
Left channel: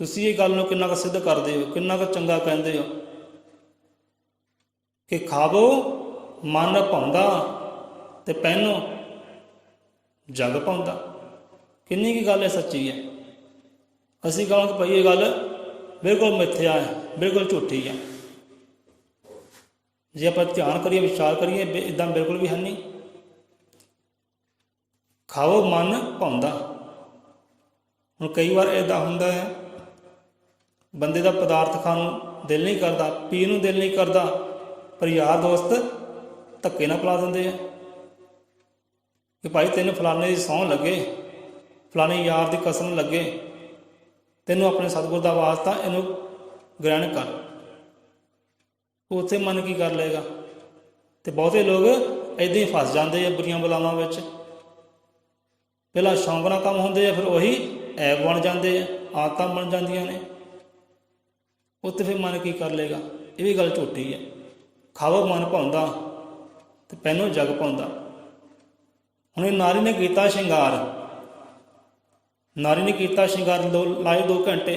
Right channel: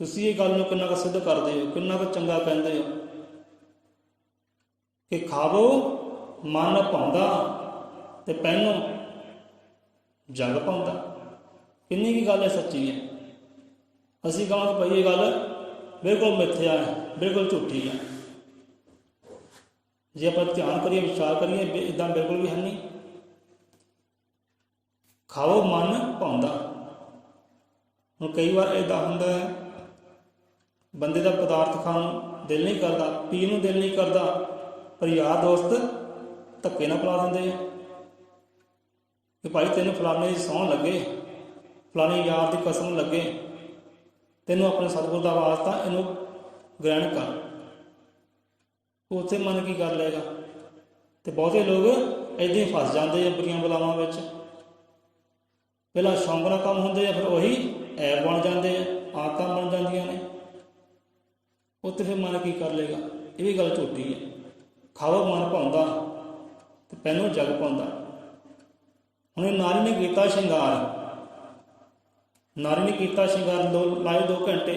ਤੁਸੀਂ ਇਹ ਗੱਲ ਨੂੰ ਕਿੰਨਾ ਕੁ ਸਿੱਧ ਕਰਦੇ ਹੋ, ਕਿੰਨਾ ਕੁ ਚੰਗਾ ਕਹਿੰਦੇ ਹੋ ਕਿ ਖਾਵੋ ਮਨ ਭਾਉਂਦਾ ਅਤੇ ਪੈਨੋਂ ਜਗ ਭਾਉਂਦਾ। ਕਿੰਨੀ ਕੀ ਗੱਲ ਹੈ, ਸੱਚੀ ਹੈ। ਅਸੀਂ ਕਹਾਂਗੇ ਭਾਈ ਇਹ ਗੱਲ ਬਿਲਕੁਲ ਮਿੱਥਿਆ ਹੈ, ਬਿਲਕੁਲ ਝੂਠੀ ਹੈ। ਜੇ ਆਪਾਂ ਧਿਆਨ ਕਰੀਏ, ਵਿਚਾਰ ਕਰੀਏ, ਇੱਦਾਂ ਬਿਲਕੁਲ ਵੀ ਹੈ ਨਹੀਂ। ਖਾਓ ਮਨ ਭਾਉਂਦਾ ਹੁਣ ਕਈ ਵਾਰ ਇੱਦਾਂ ਹੁੰਦਾ ਹੈ, ਬੰਦੇ ਦਾ ਪਦਾਰਥ ਖਾਣ ਨੂੰ ਦਿਲ ਨਹੀਂ ਕਰਦਾ, ਪੀਣ ਨੂੰ ਦਿਲ ਨਹੀਂ ਕਰਦਾ, ਪਰ ਯਾਰ ਦੋਸਤ ਧੱਕੇ ਨਾਲ ਪਿਲਾ ਦਿੰਦੇ ਆ ਕਿ ਭਾਈ ਤੈਨੂੰ ਫਲਾਣੇ ਦੀ ਸਹੁੰ ਲੱਗੇ, ਫਲਾਣੇ ਯਾਰ ਦੀ ਕਸਮ ਲੱਗੇ, ਤੈਨੂੰ ਆਪਣੇ ਸਤਿਗੁਰ ਦਾ ਵਾਸਤਾ, ਇਹਨੂੰ ਗ੍ਰਹਿਣ ਕਰ। ਉੱਥੇ ਮਨ ਕੀ ਕਰ ਲਏਗਾ? ਤੇ ਬਹੁਤੇ ਲੋਕ ਇੱਦਾਂ ਹੀ ਫਸ ਜਾਂਦੇ ਆ ਬੁਰੀਆਂ ਬਲਾਵਾਂ ਵਿੱਚ। ਪਹਿਲਾਂ ਸ਼ੌਂਕ ਨਾਲ ਕੰਮ ਹੁੰਦੇ ਆ, ਫਿਰ ਉਹੀ ਐਬ ਬਣ ਜਾਂਦੇ ਆ, ਆਦਤਾਂ ਬਣ ਜਾਂਦੀਆਂ ਨੇ। ਉੱਥੇ ਫਿਰ ਮਨ ਕੀ ਕਰ ਲਏਗਾ? ਇਹ ਵੀ ਗੱਲ ਝੂਠੀ ਹੈ। ਖਾਵੋ ਮਨ ਭਾਉਂਦਾ ਤੇ ਪਹਿਲੋਂ ਜਗ ਪਾਉਂਦਾ। ਹੁਣ ਇਹ ਨਾਰੀ ਨੇ ਕੀਤਾ ਸ਼ਿੰਗਾਰ, ਨਾਰੀ ਨੇ ਕੀਤਾ ਸ਼ਿੰਗਾਰ, ਲਾਏ 2 ਘੰਟੇ,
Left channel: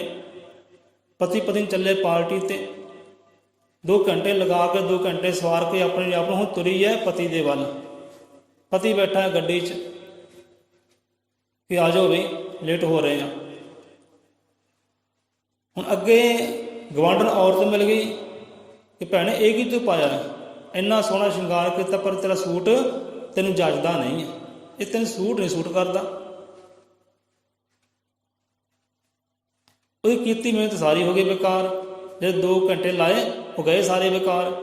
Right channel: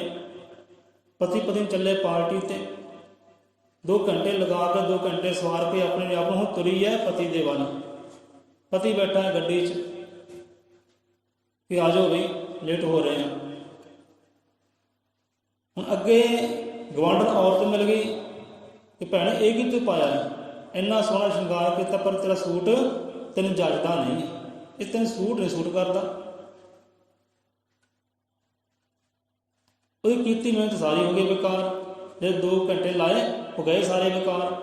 ਪਤੀ ਪਤਨੀ ਚੱਲੇ ਪਾਰਟੀ ਤੇ, 2 ਘੰਟੇ ਲਗਾ ਕੇ 2 ਘੰਟੇ ਸਵਾਰ ਕੇ ਆਪਣੇ ਆਪ ਨੂੰ ਹੁਣ ਤੁਰੀ ਹੈ ਪਤੀ ਦੇ ਵੱਲ। ਪਤੀ ਬੈਠਾ ਹੈ ਗੱਡੀ 'ਚ ਕਿ ਆ ਜਾਓ ਬਈ, ਲੇਟ ਹੋ ਰਹੇ ਆ। ਹੁਣ ਅੱਗੇ ਗਵਾਂਢਣ ਔਰਤ ਮਿਲ ਗਈ ਕਿ ਭੈਣੇ ਇਹ ਕੀ ਤੂੰ ਪਾਇਆ, ਇੰਨਾ ਸੋਹਣਾ ਸ਼ਿੰਗਾਰ ਕੀਤਾ ਪਰ ਤੇਰਾ ਸੂਟ ਤੈਨੂੰ ਜੱਚਦਾ ਨਹੀਂ ਹੈ, ਇਹ ਤੈਨੂੰ ਸੂਟ ਨਹੀਂ ਸੂਟ ਕਰਦਾ। ਉਹਦੀ ਕੀਤੀ ਮਿਹਨਤ ਸਾਰੀ ਹੋ ਗਈ ਬੇਕਾਰ, ਜਿਹੜੇ 2 ਘੰਟੇ ਲਾਏ ਉਹ ਗਏ ਸਾਰੇ ਬੇਕਾਰ।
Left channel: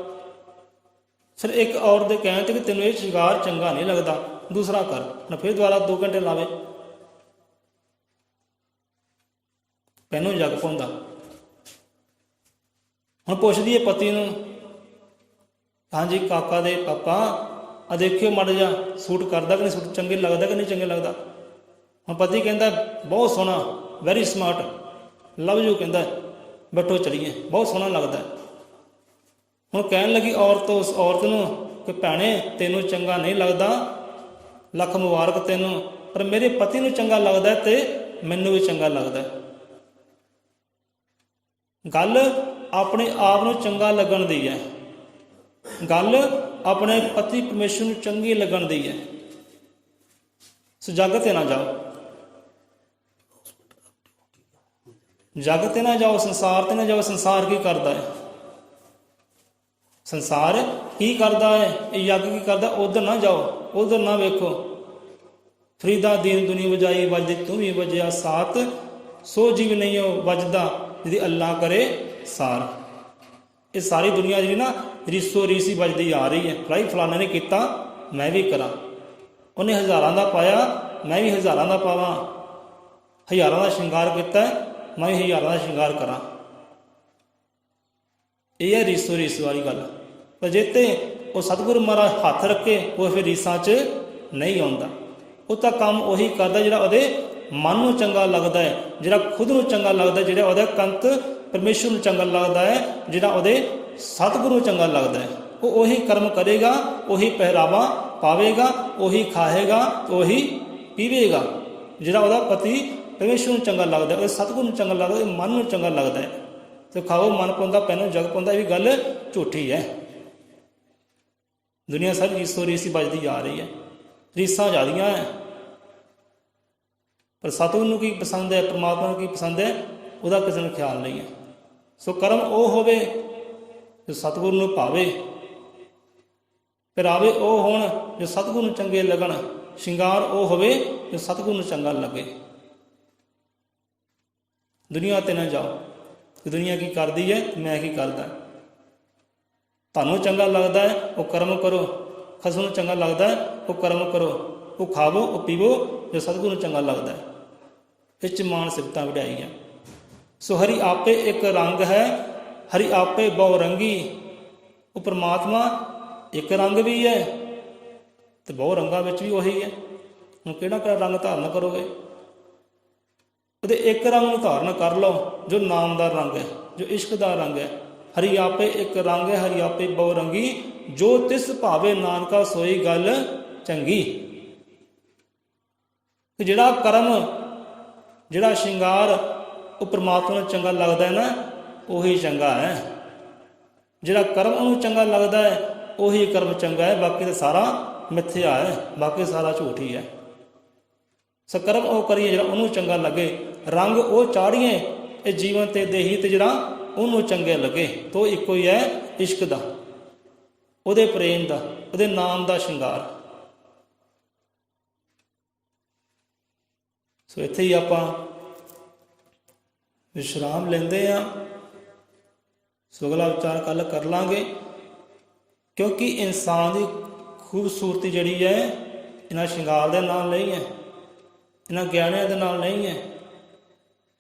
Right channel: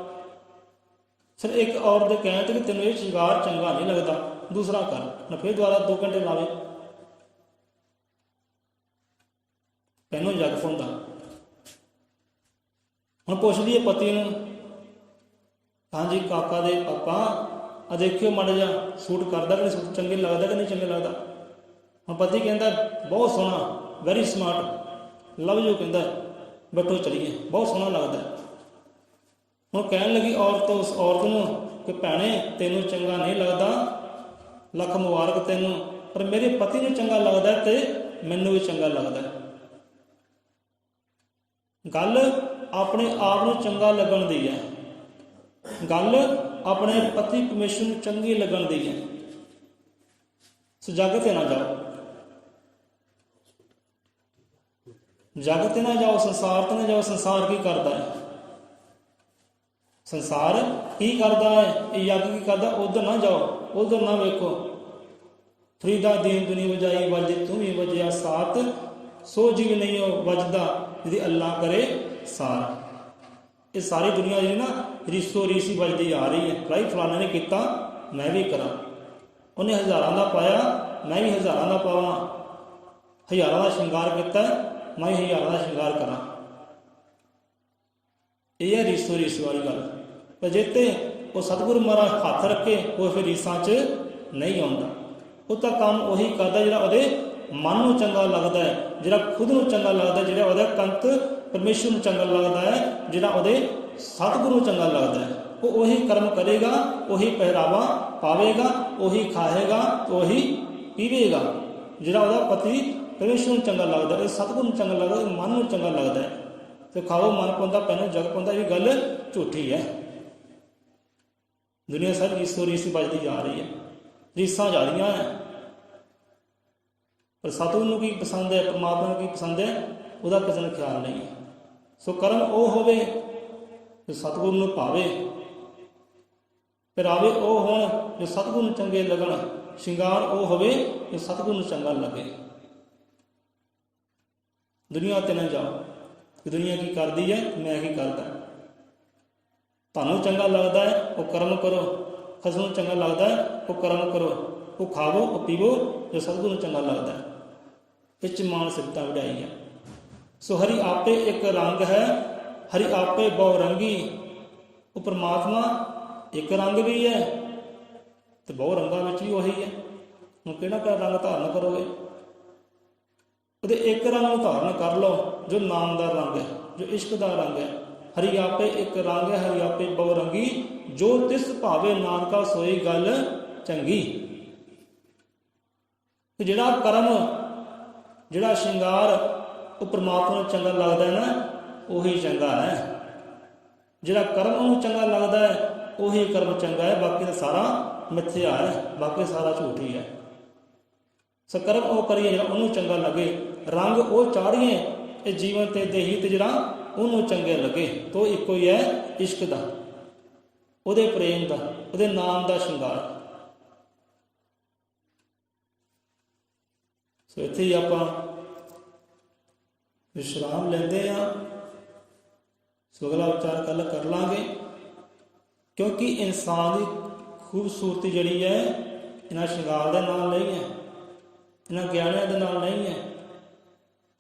ਫਿਰ ਇੱਕ ਔਰਤ ਦੇ ਕਹਿਣ 'ਤੇ ਕਿ ਤੈਨੂੰ ਇਹ ਸ਼ਿੰਗਾਰ ਚੰਗਾ ਨਹੀਂ ਲੱਗਦਾ, ਦੂਸਰਾ ਕਰ ਨਾ। ਫਿਰ ਦੁਬਾਰਾ 2 ਘੰਟੇ ਲਾਵੇ, ਪਹਿਲੋਂ ਜਗ ਪਾਉਂਦਾ। ਹੁਣ ਪੁੱਛਦੀ ਹੈ ਪਤੀ ਨੂੰ, ਹਾਂਜੀ ਕਾਕਾ ਦੇ ਪਾਪਾ ਆ ਦੇਖਿਓ ਮਾੜਾ ਜਿਹਾ ਸੂਟ ਕਰਦਾ ਕਿ ਨਹੀਂ, ਸੂਟ ਚੰਗੇ ਲੱਗਦਾ ਕਿ ਨਹੀਂ ਚੰਗੇ ਲੱਗਦਾ। ਹੁਣ ਪਤੀ ਕਹਿੰਦਾ ਬਹੁਤ ਸੋਹਣਾ, ਵੈਰੀ ਸਮਾਰਟ, ਲਵ ਯੂ, ਕਹਿੰਦਾ ਬੈਠੋ ਚਲੀਏ, ਬਹੁਤ ਸੋਹਣਾ ਲੱਗਦਾ। ਹੁਣ ਕਹਿਣ ਲੱਗੀ ਔਰਤ ਉਸ ਔਰਤ ਨੂੰ ਕਿ ਭੈਣੇ ਤੈਨੂੰ ਚੰਗਾ ਨਹੀਂ ਲੱਗਦਾ, ਲੱਖ ਮੁਬਾਰਕ ਤੈਨੂੰ, ਪਰ ਮੇਰੇ ਪਤੀ ਨੂੰ ਚੰਗਾ ਲੱਗਦਾ ਤੇ ਮੈਨੂੰ ਵੀ ਚੰਗਾ ਲੱਗਦਾ। ਗੱਲ ਆਪਣੇ ਆਪ ਨੂੰ ਚੰਗਾ ਲੱਗਣ ਦੀ ਹੈ, ਗੱਲ ਆਪਣੇ ਪਤੀ ਪਰਮੇਸ਼ਰ ਨੂੰ ਚੰਗੀ ਲੱਗਣ ਦੀ ਹੈ। ਸੋ ਜਗ ਤੇ ਨਾ ਜਾਓ, ਜਗ ਤੇ ਨਾ ਜਾਓ, ਸੰਸਾਰ ਤੇ ਨਾ ਜਾਓ। ਸੰਸਾਰ ਕੀ ਕਰਦਾ ਹੈ? ਸੰਸਾਰ ਕੀ ਕਰਦਾ ਹੈ? ਇਹ ਜਗ ਕੀ ਕਰਦਾ? ਉਧਰ ਨਾ ਜਾਓ, ਉਧਰ ਨਾ ਵੇਖੋ। ਫਰੀਦਾ ਦੀਨ ਦੁਨੀ ਵਜਾਈ, ਵੱਜਦੀ ਤੂੰ ਵੀ ਵਜਿਆ ਸਾਥ, ਸੋ ਜੀਵ ਨਹੀਂ ਉਹ ਵੱਜਦਾ ਜਿਹਦੀ ਅੱਲਾ ਕਰੇ ਸਾਰ। ਇਹ ਸਾਰੀ ਦੁਨੀਆ ਜਿਹੜੀ ਨਾ ਰੀਸੋ ਰੀਸੀ ਵੱਜਦੀ ਆ ਰਹੀ ਹੈ। ਭਾਈ ਫਲਾਣਾ ਨੇ ਕੀਤਾ ਮੈਂ ਵੀ ਕਰਾਂ, ਉਹਨੇ ਹਜ਼ਾਰਾਂ ਦਾ ਪਾਇਆ ਮੈਂ ਵੀ ਹਜ਼ਾਰਾਂ ਦਾ ਪਾਵਾਂ, ਹਜ਼ਾਰਾਂ ਦਾ ਸ਼ਿੰਗਾਰ ਕੀਤਾ ਮੈਂ ਵੀ ਹਜ਼ਾਰਾਂ ਦਾ ਸ਼ਿੰਗਾਰ ਕਰਾਂ। ਇਹ ਹੈ ਰੀਸੋ ਰੀਸ ਵਾਲੀ ਗੱਲ। ਪਰ ਜਿੱਤੇ ਉਹ ਸਤਿਗੁਰੂ ਮਹਾਰਾਜ ਹੱਥ ਰੱਖੇ ਉਹ ਫਿਰ ਰੀਸਾਂ 'ਚ ਨਹੀਂ ਆਉਂਦਾ। ਉਹ ਤਾਂ ਕੰਮ ਉਹੀ ਕਰਦਾ ਜਿਹੜਾ ਉਹਦੇ ਮਨ ਨੂੰ ਚੰਗਾ ਲੱਗਦਾ ਹੈ, ਜਿਹੜਾ ਖੁਦ ਨੂੰ ਚੰਗਾ ਲੱਗਦਾ, ਜਿਹੜਾ ਉਹਦਾ ਕੰਤ ਪਰਮੇਸ਼ਰ ਨੂੰ ਚੰਗਾ ਲੱਗਦਾ ਹੈ, ਜਿਹੜਾ ਉਹਦੇ ਸਤਿਗੁਰੂ ਨੂੰ ਚੰਗਾ ਲੱਗਦਾ ਹੈ। ਉਹ ਉਹੀ ਕਰਮ ਕਰੇਗਾ, ਉਹੀ ਪਹਿਰਾਵਾ ਪਾਵੇਗਾ, ਉਹੀ ਖਾਏਗਾ, ਉਹੀ ਪੀਵੇਗਾ ਜਿਹੜਾ ਉਹਦਾ ਪਤੀ ਪਰਮੇਸ਼ਰ ਨੂੰ ਚੰਗਾ ਲੱਗਦਾ, ਉਹਦੇ ਸਤਿਗੁਰੂ ਨੂੰ ਚੰਗਾ ਲੱਗਦਾ, ਉਹਦੇ ਮਨ ਨੂੰ ਚੰਗਾ ਲੱਗਦਾ ਹੈ। ਤੇ ਖਾਓ ਮਨ ਪਾਉਂਦਾ ਪਹਿਲੋਂ ਜਗ ਪਾਉਂਦਾ, ਇਹ ਵੀ ਗੱਲ ਝੂਠੀ ਹੈ। ਦੁਨੀਆ ਸਾਰੀ ਰੀਸੋ ਰੀਸੀ ਵੱਜਦੀ ਜਾ ਰਹੀ ਹੈ, ਰੀਸਾਂ ਜ਼ਿਆਦੀਆਂ ਹੈ। ਪਰ ਸਤਿਗੁਰੂ ਨੂੰ ਕੀ ਪਸੰਦ ਹੈ, ਪਰਮਾਤਮਾ ਨੂੰ ਕੀ ਪਸੰਦ ਹੈ, ਉਹਦਾ ਕਿਸੇ ਨੂੰ ਖਿਆਲ ਨਹੀਂ ਹੈ। ਸੋ ਕਰਮ ਉਹ ਹੋਵੇ ਜੋ ਸਤਿਗੁਰੂ ਨੂੰ ਭਾਵੇ, ਪਹਿਰਾਵੇ ਉਹ ਹੋਣ ਜੋ ਸਤਿਗੁਰੂ ਨੂੰ ਚੰਗੇ ਲੱਗਣ, ਸ਼ਿੰਗਾਰ ਉਹ ਹੋਵੇ ਜੋ ਸਤਿਗੁਰੂ ਨੂੰ ਚੰਗਾ ਲੱਗੇ। ਦੁਨੀਆ ਤੇ ਨਾ ਜਾਓ ਕਿ ਦੁਨੀਆ ਕੀ ਕਰਦੀ ਹੈ, ਮੈਂ ਕੀ ਕਰਦਾ। ਤੁਹਾਨੂੰ ਚੰਗਾ ਲੱਗਦਾ ਹੈ ਉਹ ਕਰਮ ਕਰੋ, ਖਸਮ ਨੂੰ ਚੰਗਾ ਲੱਗਦਾ ਹੈ ਉਹ ਕਰਮ ਕਰੋ, ਉਹ ਖਾਵੋ ਉਹ ਪੀਵੋ ਜੋ ਸਤਿਗੁਰੂ ਨੂੰ ਚੰਗਾ ਲੱਗਦਾ ਹੈ। ਇਸ 'ਚ ਮਾਣ ਸਿਫਤਾਂ ਵਡਿਆਈ ਹੈ। ਸੋ ਹਰੀ ਆਪੇ ਇੱਕ ਰੰਗ ਹੈ, ਹਰੀ ਆਪੇ ਬਹੁ ਰੰਗੀ। ਉਹ ਪਰਮਾਤਮਾ ਇੱਕ ਰੰਗ ਵੀ ਹੈ ਤੇ ਬਹੁ ਰੰਗਾਂ ਵਿੱਚ ਵੀ ਉਹੀ ਹੈ। ਹੁਣ ਕਿਹੜਾ ਕਿਹੜਾ ਰੰਗ ਧਾਰਨ ਕਰੋਗੇ? ਉਹਦੇ ਇੱਕ ਰੰਗ ਨੂੰ ਧਾਰਨ ਕਰ ਲਓ ਜੋ ਨਾਮ ਦਾ ਰੰਗ ਹੈ, ਜੋ ਇਸ਼ਕ ਦਾ ਰੰਗ ਹੈ। ਹਰੀ ਆਪੇ ਇੱਕ ਰੰਗ ਹੈ, ਹਰੀ ਆਪੇ ਬਹੁ ਰੰਗੀ, ਜੋ ਤਿਸ ਭਾਵੇ ਨਾਨਕਾ ਸੋਈ ਗੱਲ ਚੰਗੀ। ਤੇ ਜਿਹੜਾ ਕਰਮ, ਜਿਹੜਾ ਸ਼ਿੰਗਾਰ ਉਹ ਪਰਮਾਤਮਾ ਨੂੰ ਚੰਗਾ ਲੱਗਦਾ ਹੈ ਨਾ, ਉਹੀ ਚੰਗਾ ਹੈ। ਜਿਹੜਾ ਕਰਮ ਉਹਨੂੰ ਚੰਗਾ ਲੱਗਦਾ ਹੈ ਉਹੀ ਕਰਮ ਚੰਗਾ ਹੈ, ਬਾਕੀ ਤਾਂ ਸਾਰਾ ਮਿੱਥਿਆ ਹੈ, ਬਾਕੀ ਸਾਰਾ ਝੂਠ ਹੀ ਹੈ। ਸੋ ਕਰਮ ਉਹ ਕਰੀਏ ਜਿਹੜਾ ਉਹਨੂੰ ਚੰਗਾ ਲੱਗੇ, ਰੰਗ ਉਹ ਚਾੜੀਏ ਇਹ ਜੀਵਨ ਤੇ ਦੇਹੀ ਤੇ ਜਿਹੜਾ ਉਹਨੂੰ ਚੰਗੇ ਲੱਗੇ। ਤੋ ਇੱਕੋ ਹੀ ਹੈ ਇਸ਼ਕ ਦਾ, ਉਹਦੇ ਪ੍ਰੇਮ ਦਾ, ਉਹਦੇ ਨਾਮ ਦਾ ਸ਼ਿੰਗਾਰ। ਸੋ ਇੱਥੇ ਹੀ ਆਪਾਂ ਵਿਸ਼ਰਾਮ ਲੈਂਦੇ ਆ। ਸੋ ਅਗਲਾ ਵਿਚਾਰ ਕੱਲ੍ਹ ਕਰ ਲਾਂਗੇ, ਕਿਉਂਕਿ ਇਨਸਾਨ ਦੀ ਖੂਬਸੂਰਤੀ ਜਿਹੜੀ ਹੈ ਇਹਨਾਂ ਸ਼ਿੰਗਾਰ ਦੇ ਨਾਲ ਨਹੀਂ ਹੈ, ਇਹਨਾਂ ਗਹਿਣਿਆਂ ਦੇ ਨਾਲ ਨਹੀਂ ਹੈ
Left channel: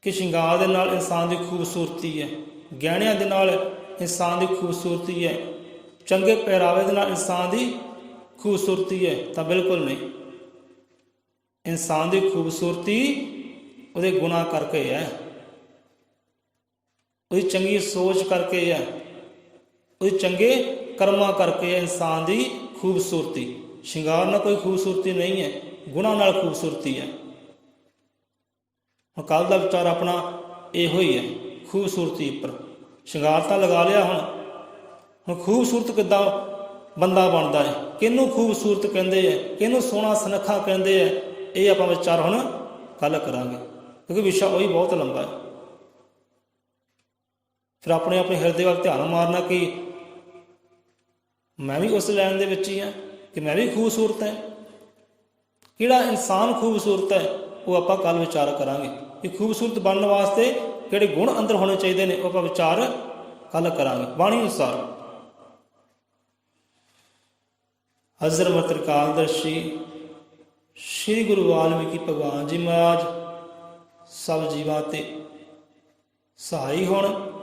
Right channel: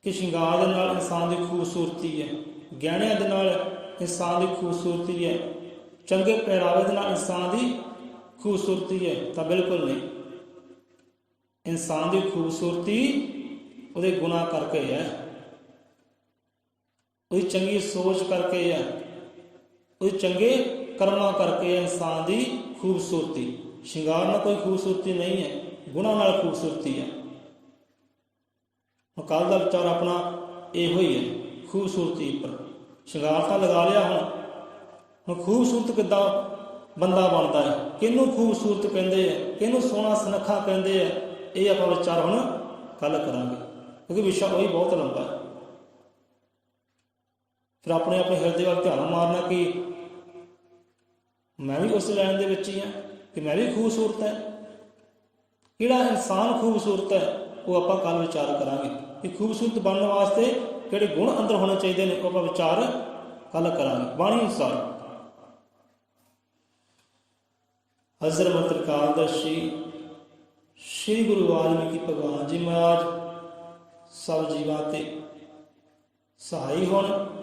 ਕਿ ਸ਼ਿੰਗਾਰ ਦੇ ਨਾਲ ਇਨਸਾਨ ਦੀ ਖੂਬਸੂਰਤੀ ਹੈ, ਗਹਿਣਿਆਂ ਦੇ ਨਾਲ ਇਨਸਾਨ ਦੀ ਖੂਬਸੂਰਤੀ ਹੈ, ਚੰਗੇ ਪਹਿਰਾਵੇ ਦੇ ਨਾਲ ਇਨਸਾਨ ਦੀ ਖੂਬਸੂਰਤੀ ਹੈ, ਤਾਂ ਬਿਲਕੁਲ ਨਹੀਂ। ਇਨਸਾਨ ਦੀ ਖੂਬਸੂਰਤੀ ਉਹਦੇ ਗੁਨਾਹ ਕਰਕੇ ਹੈ, ਉਹਦੀ ਚੰਗੀ ਸੋਚ ਕਰਕੇ ਹੈ, ਉਹਦੇ ਚੰਗੇ ਕਰਮਾਂ ਕਰਕੇ ਹੈ ਇਨਸਾਨ ਦੀ ਖੂਬਸੂਰਤੀ। ਸ਼ਿੰਗਾਰ ਨਾਲ ਕੋਈ ਖੂਬਸੂਰਤੀ ਨਹੀਂ ਹੈ, ਗੁਨਾਹ ਨਾਲ ਖੂਬਸੂਰਤੀ ਹੈ। ਹੁਣ ਕੱਲ੍ਹ ਦਾ ਵਿਚਾਰ ਆਪਣਾ ਇਹੋ ਹੀ ਹੈ, ਖੂਬਸੂਰਤੀ ਉੱਪਰ। ਸ਼ਿੰਗਾਰ ਤਾਂ ਲਗਾ ਲਿਆ, ਹੁਣ ਖੂਬਸੂਰਤ ਕਿੱਦਾਂ ਬੰਦਾ ਬਣਦਾ ਹੈ, ਕਿਹਨੂੰ ਖੂਬਸੂਰਤ ਕਹਿੰਦੇ ਹੈ, ਕਿਹਨੂੰ ਸੋਹਣਾ ਸੁਨੱਖਾ ਕਹਿੰਦੇ ਹੈ, ਇਹ ਆਪਾਂ ਵਿਚਾਰ ਹੁਣ ਕੱਲ੍ਹ ਕਰਾਂਗੇ, ਕਿਉਂਕਿ ਵਿਸ਼ਾ ਉਹੀ ਬਹੁਤ ਲੰਬਾ ਹੈ। ਫਿਰ ਆਪਣੇ ਹਿਰਦੇ ਵੱਲ ਧਿਆਨ ਮਾਰਨਾ ਕਿ ਮੈਂ ਵੀ ਉਸ ਲਾਈਨ ਦੇ ਵਿੱਚ ਹੀ ਹਾਂ ਕਿ ਮੈਂ ਵੀ ਖੂਬਸੂਰਤ ਹੈ। ਕਿਹੜਾ ਇਨਸਾਨ ਖੂਬਸੂਰਤ ਹੈ, ਉਹ ਆਪਾਂ ਕੱਲ੍ਹ ਵਿਚਾਰ ਕਰਾਂਗੇ ਕਿ ਖੂਬਸੂਰਤ ਬਣਨ ਵਾਸਤੇ ਕਿਹੜੇ ਗੁਣ ਅੰਦਰ ਹੋਣੇ ਚਾਹੀਦੇ ਨੇ, ਉਹ ਆਪਾਂ ਵਿਚਾਰ ਕੱਲ੍ਹ ਕਰਾਂਗੇ ਬਾਣੀ ਅਨੁਸਾਰ। ਹਜ਼ਰਤ ਤ੍ਰਿਕਾਲਦਰਸ਼ੀ ਸ਼੍ਰੀ ਗੁਰੂ ਵਾਲਮੀਕੀ ਭਗਵਾਨ ਜੀ ਮਹਾਰਾਜ ਸਭ ਜੀਵਾਂ ਤੇ ਸਹਾਈ ਹੋਣ।